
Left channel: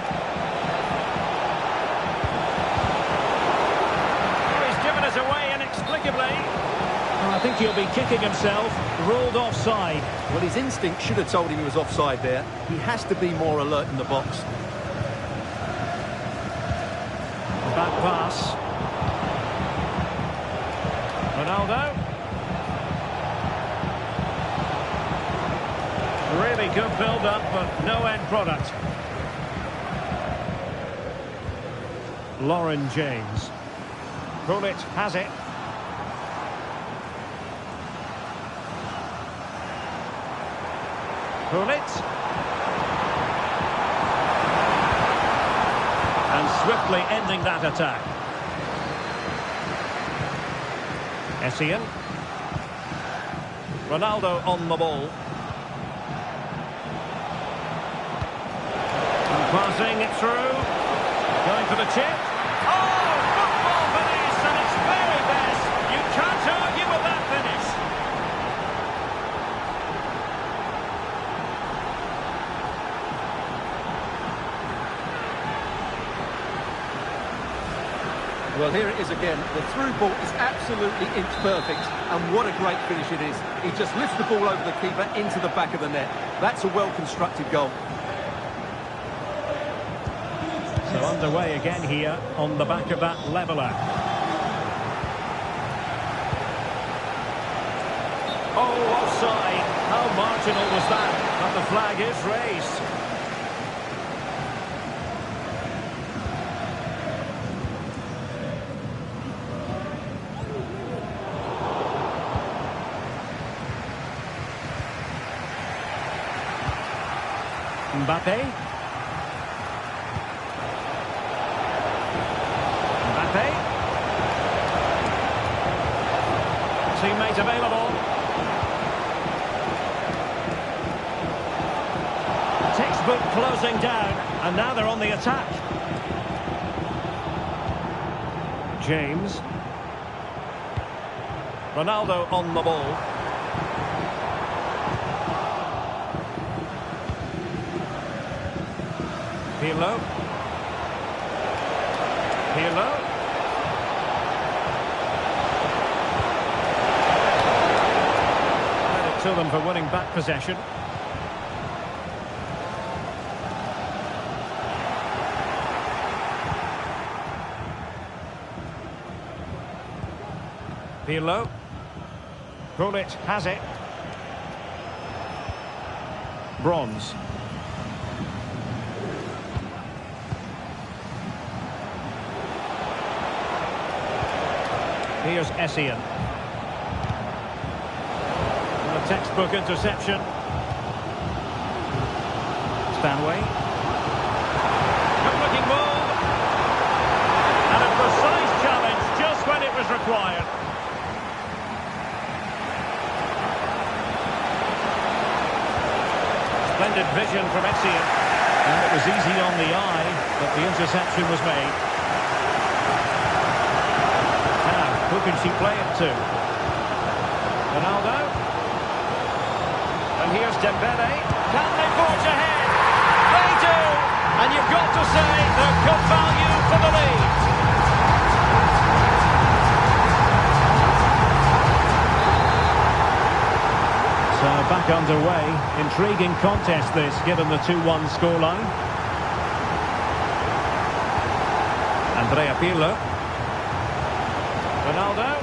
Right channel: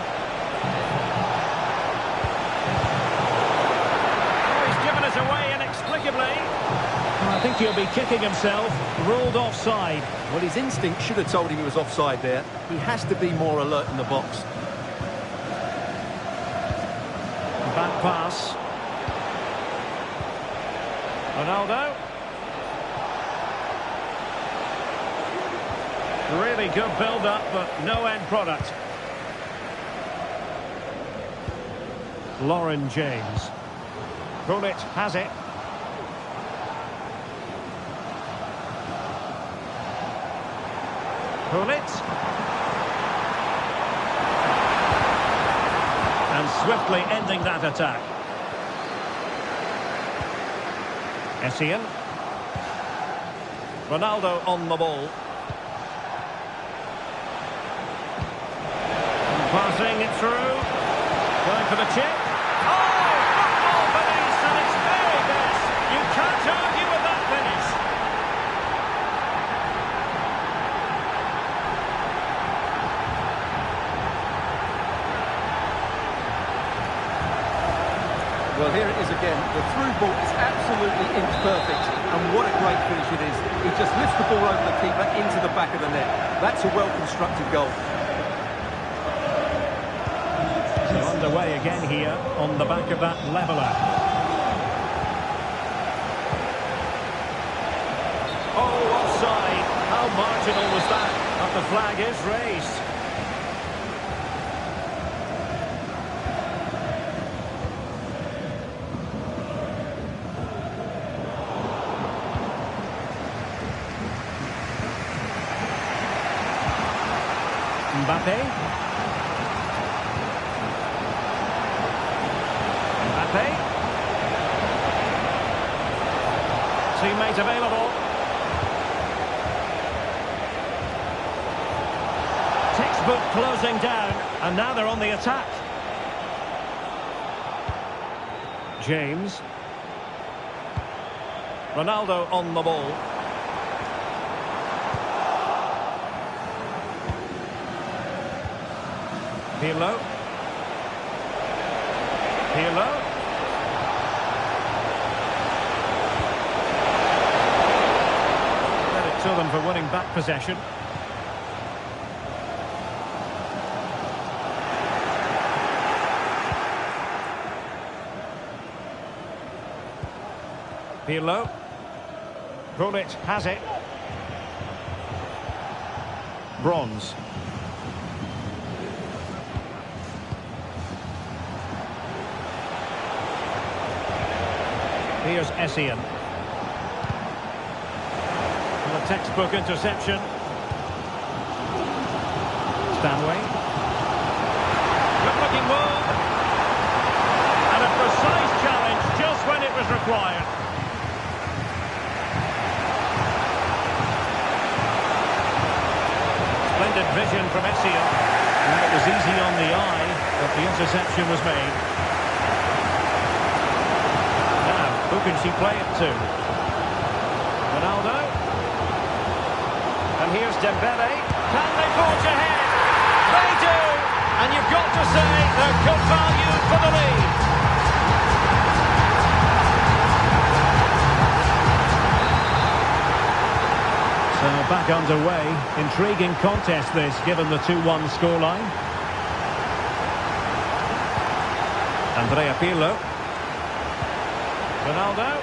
Oh, he's given us away inexplicably. Well, I think he'll be kicking himself. Ruled offside. Well, his instinct should have told him he was offside there. He has to be more alert in the box. Back pass. Ronaldo. Really good build-up, but no end product. Lauren James. Gullit has it. Gullit. And swiftly ending that attack. Essien. Ronaldo on the ball. Passing it through. Going for the chip. Oh, football finish, and it's very best. You can't argue with that finish. Well, here it is again. The through ball is absolutely inch perfect, and what a great finish it is. He just lifts the ball over the keeper into the back of the net. That's a well-constructed goal. So underway again here on the back of that leveller. Oh, offside. How marginal was that? But the flag is raised. Mbappe. Teammate available. Textbook closing down, and now they're on the attack. James. Ronaldo on the ball. Pirlo. Pirlo. Credit to them for winning back possession. Pirlo. Gullit has it. Bronze. Here's Essien. And a textbook interception. Stanway. Good-looking move. And a precise challenge just when it was required. Splendid vision from Essien. And it was easy on the eye that the interception was made. Now, who can she play it to? Ronaldo. And here's Dembele. Can they forge ahead? They do! And you've got to say they're good value for the lead. So back underway. Intriguing contest this, given the 2-1 scoreline. Andrea Pirlo. Ronaldo.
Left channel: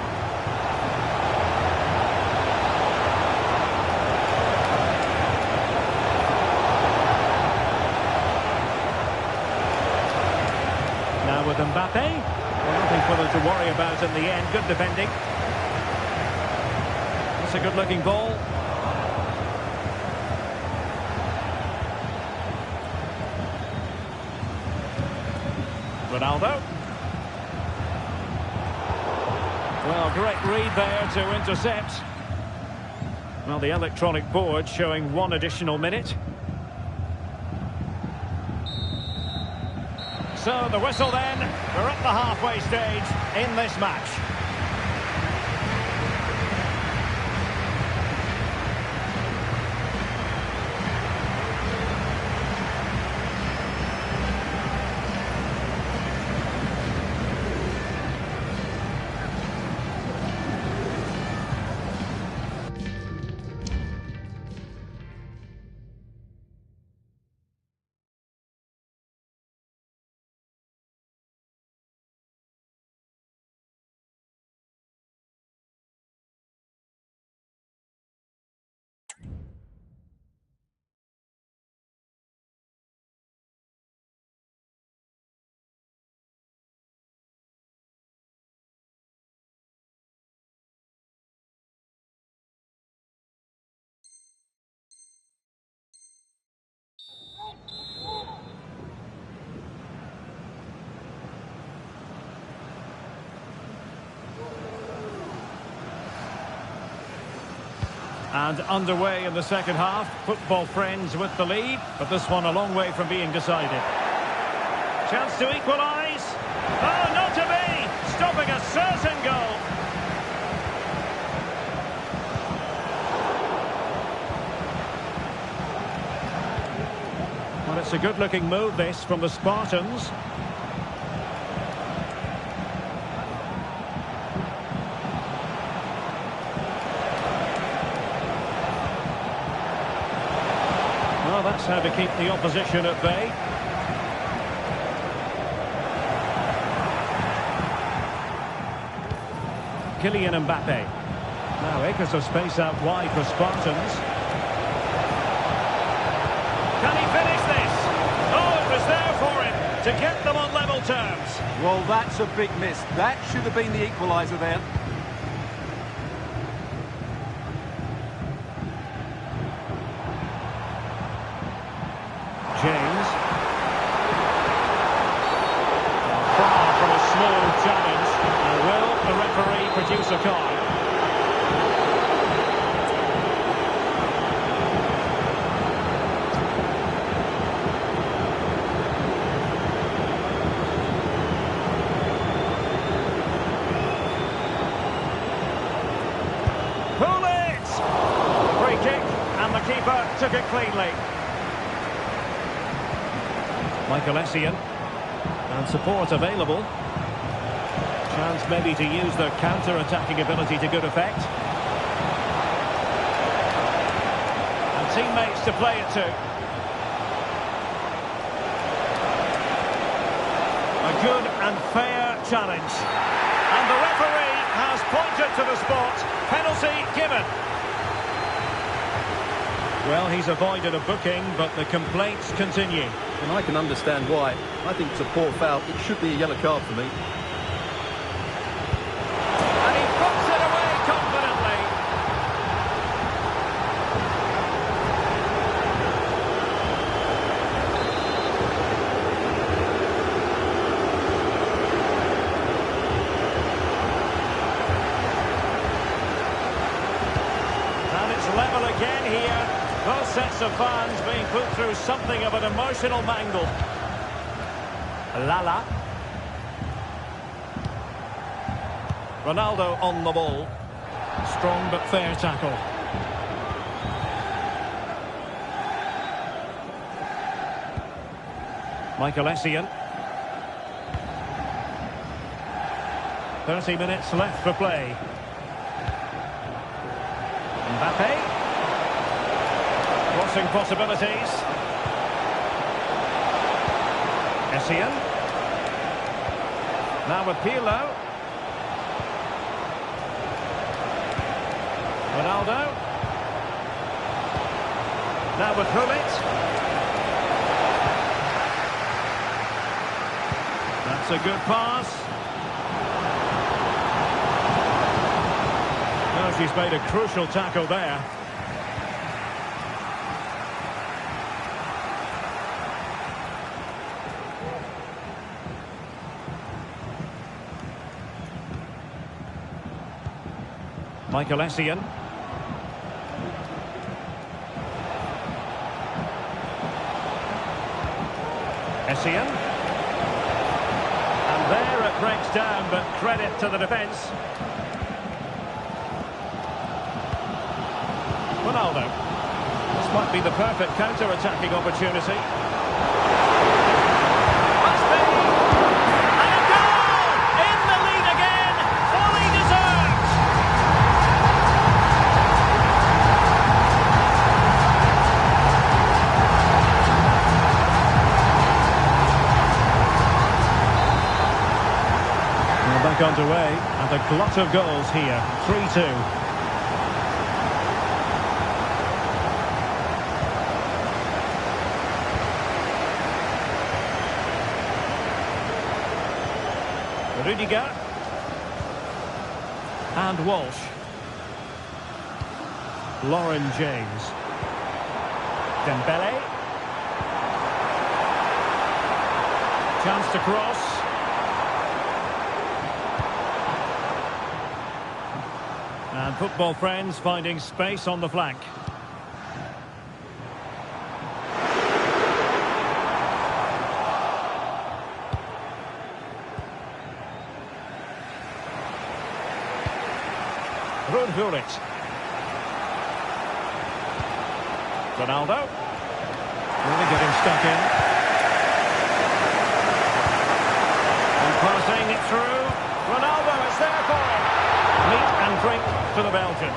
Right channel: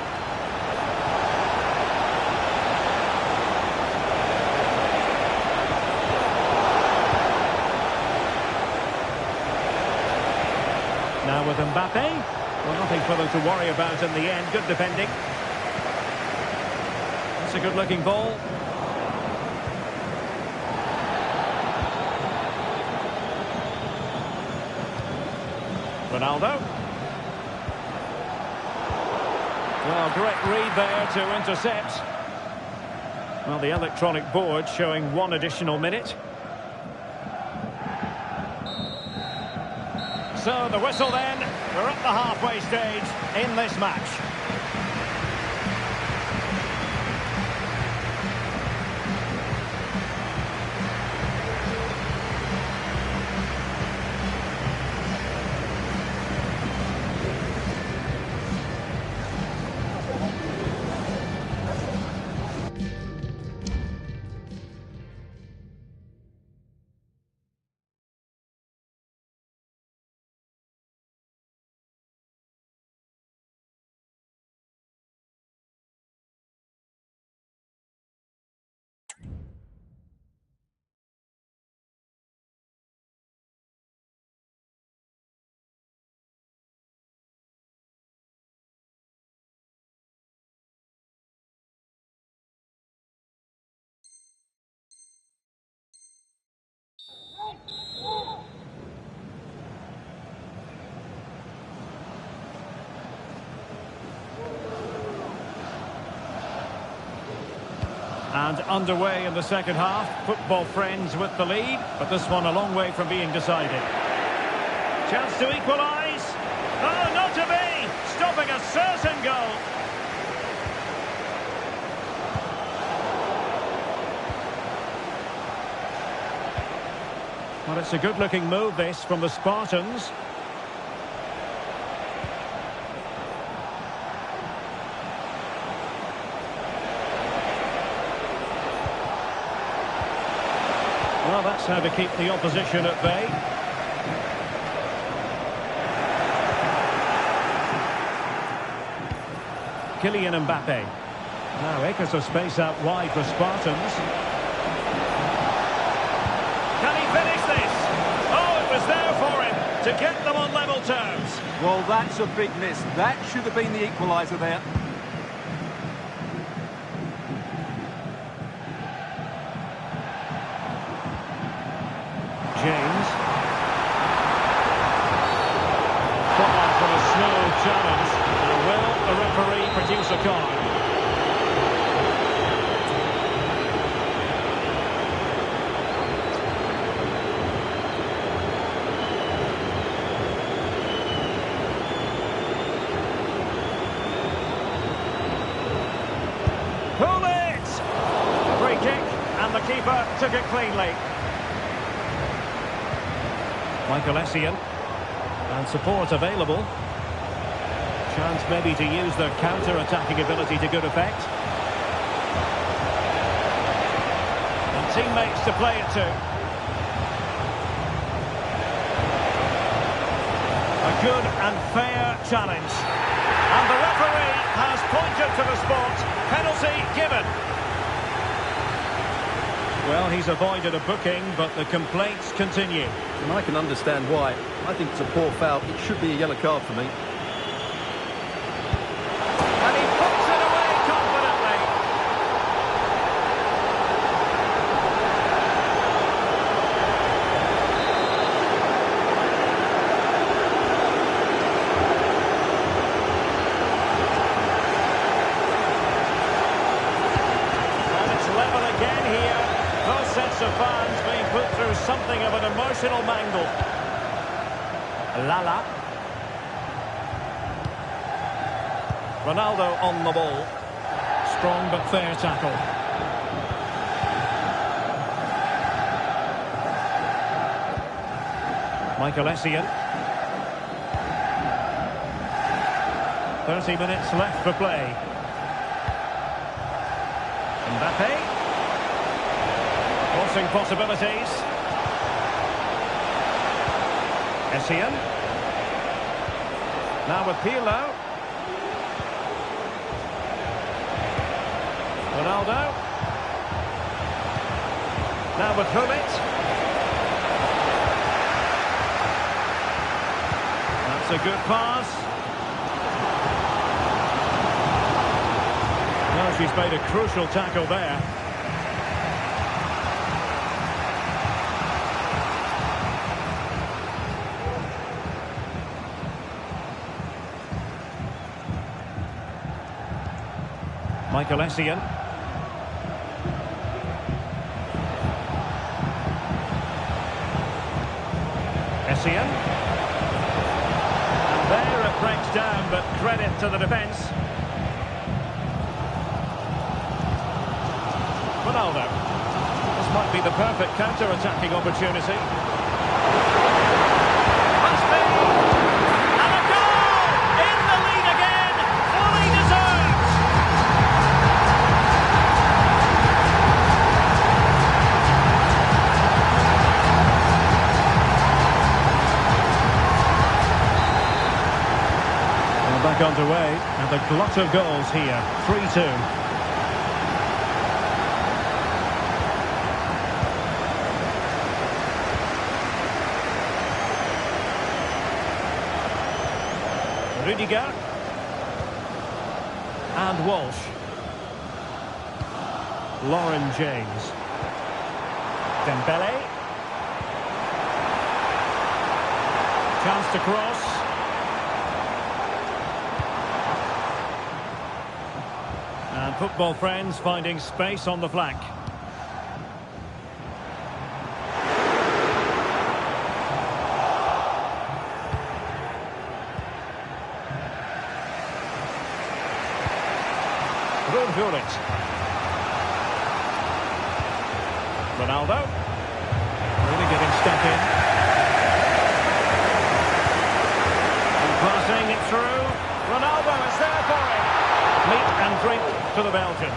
Now with Mbappe. Well, nothing for them to worry about in the end. Good defending. That's a good-looking ball. Ronaldo. Well, great read there to intercept. Well, the electronic board showing 1 additional minute. So the whistle then. We're at the halfway stage in this match. And underway in the second half. Football friends with the lead, but this one a long way from being decided. Chance to equalise. Oh, not to be! Stopping a certain goal. Well, it's a good-looking move, this, from the Spartans. Well, that's how to keep the opposition at bay. Kylian Mbappe. Now acres of space out wide for Spartans. Can he finish this? Oh, it was there for him to get them on level terms. Well, that's a big miss. That should have been the equaliser there. James. Far from a smooth challenge. Now will the referee produce a card? Pull it! Free kick, and the keeper took it cleanly. Michael Essien. And support available. Chance maybe to use their counter-attacking ability to good effect. And teammates to play it to. A good and fair challenge. And the referee has pointed to the spot. Penalty given. Well, he's avoided a booking, but the complaints continue. And I can understand why. I think it's a poor foul. It should be a yellow card for me. And he puts it away confidently. And it's level again here. Both sets of fans being put through something of an emotional mangle. Lala. Ronaldo on the ball. Strong but fair tackle. Michael Essien. 30 minutes left for play. Mbappe. Crossing possibilities. Essien. Now with Pirlo. Ronaldo. Now with Hullet. That's a good pass. No, she's made a crucial tackle there. Michael Essien. Essien. And there it breaks down, but credit to the defence. Ronaldo. This might be the perfect counter-attacking opportunity. Must be! And a goal! In the lead again! Fully deserved! Well, back underway, and a glut of goals here. 3-2. Rudiger. And Walsh. Lauren James. Dembele. Chance to cross. And football friends finding space on the flank. Ruud Gullit. Ronaldo. Really getting stuck in. And passing it through. Ronaldo is there for him. Meat and drink to the Belgian.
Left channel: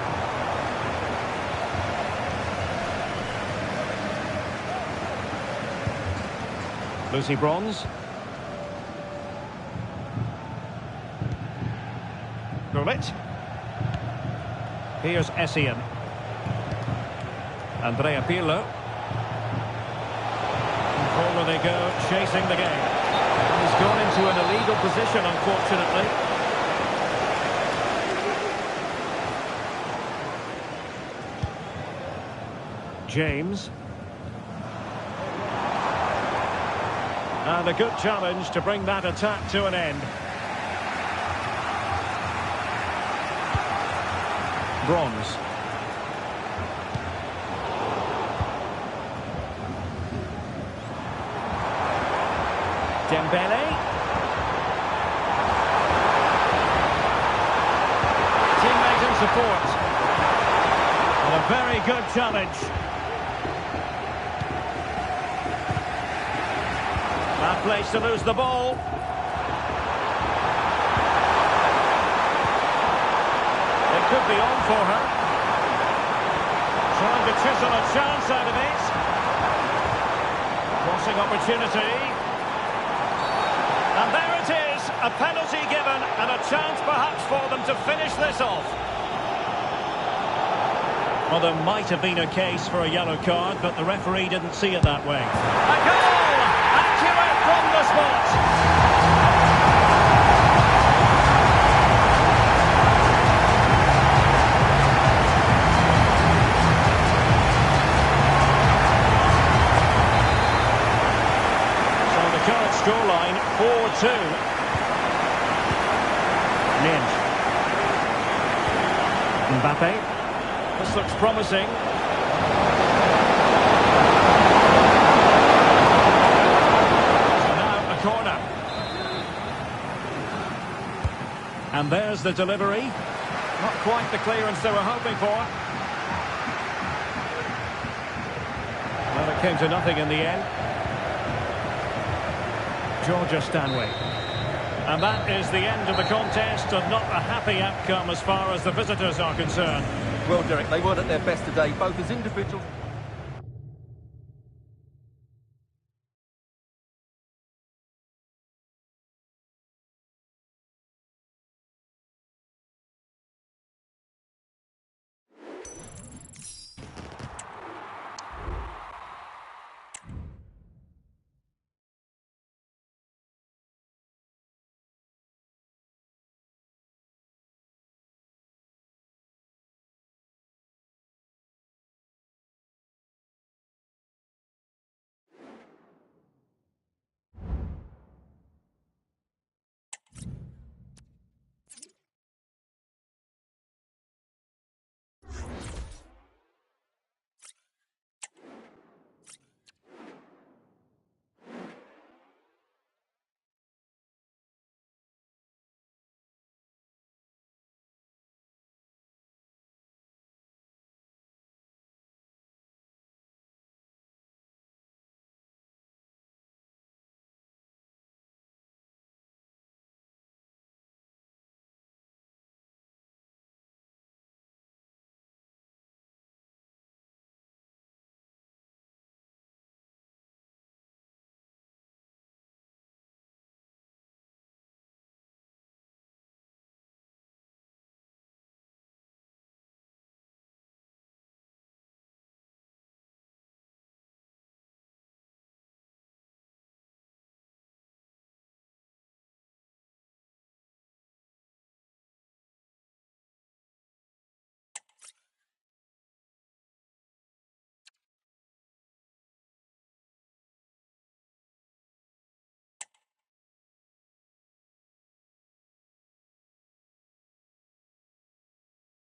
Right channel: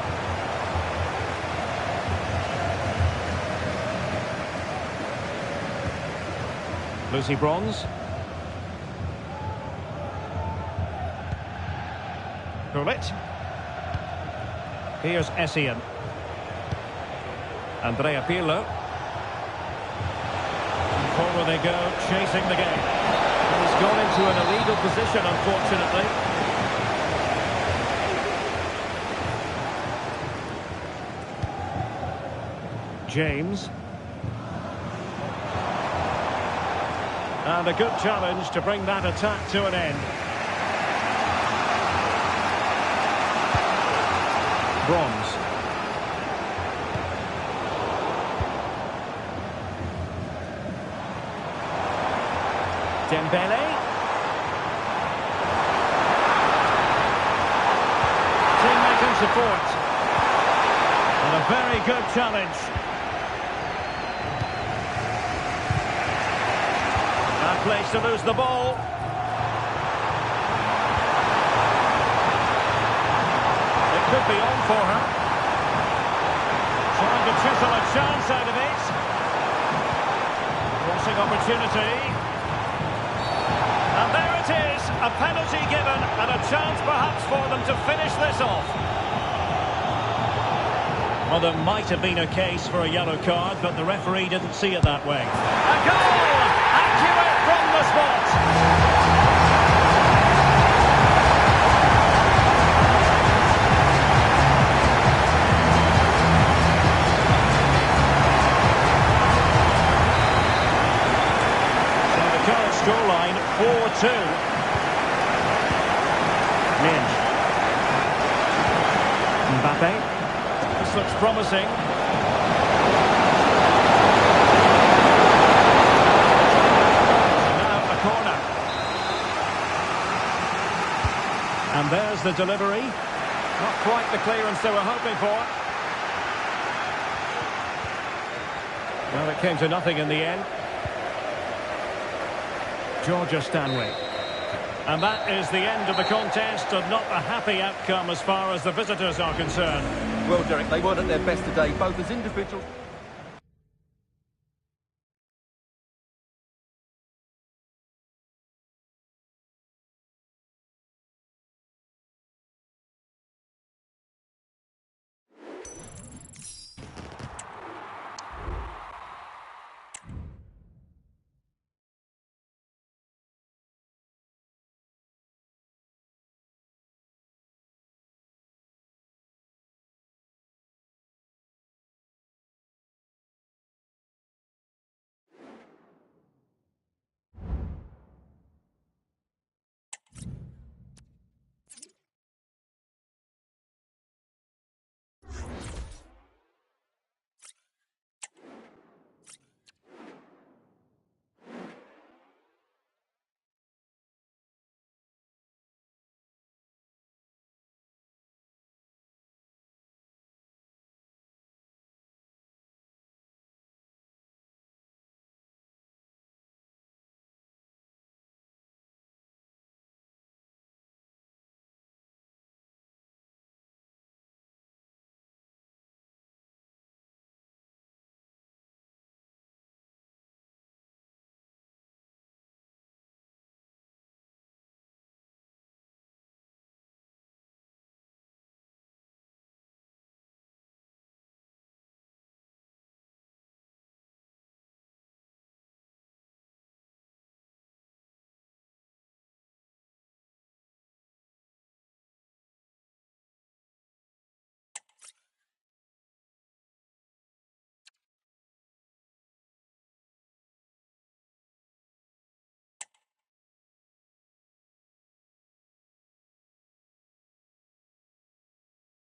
Lucy Bronze. Gullit. Here's Essien. Andrea Pirlo. And forward they go, chasing the game. And he's gone into an illegal position, unfortunately. James. And a good challenge to bring that attack to an end. Bronze. Dembele. Teammate and support. And a very good challenge. Bad place to lose the ball. It could be on for her. Trying to chisel a chance out of it. Crossing opportunity. And there it is, a penalty given and a chance perhaps for them to finish this off. Well, there might have been a case for a yellow card, but the referee didn't see it that way. A goal! Accurate from the spot. Current scoreline 4-2. Minge. Mbappe. This looks promising. So now a corner. And there's the delivery. Not quite the clearance they were hoping for. Well, it came to nothing in the end. Georgia Stanway. And that is the end of the contest, and not a happy outcome as far as the visitors are concerned. Well, Derek, they weren't at their best today, both as individuals...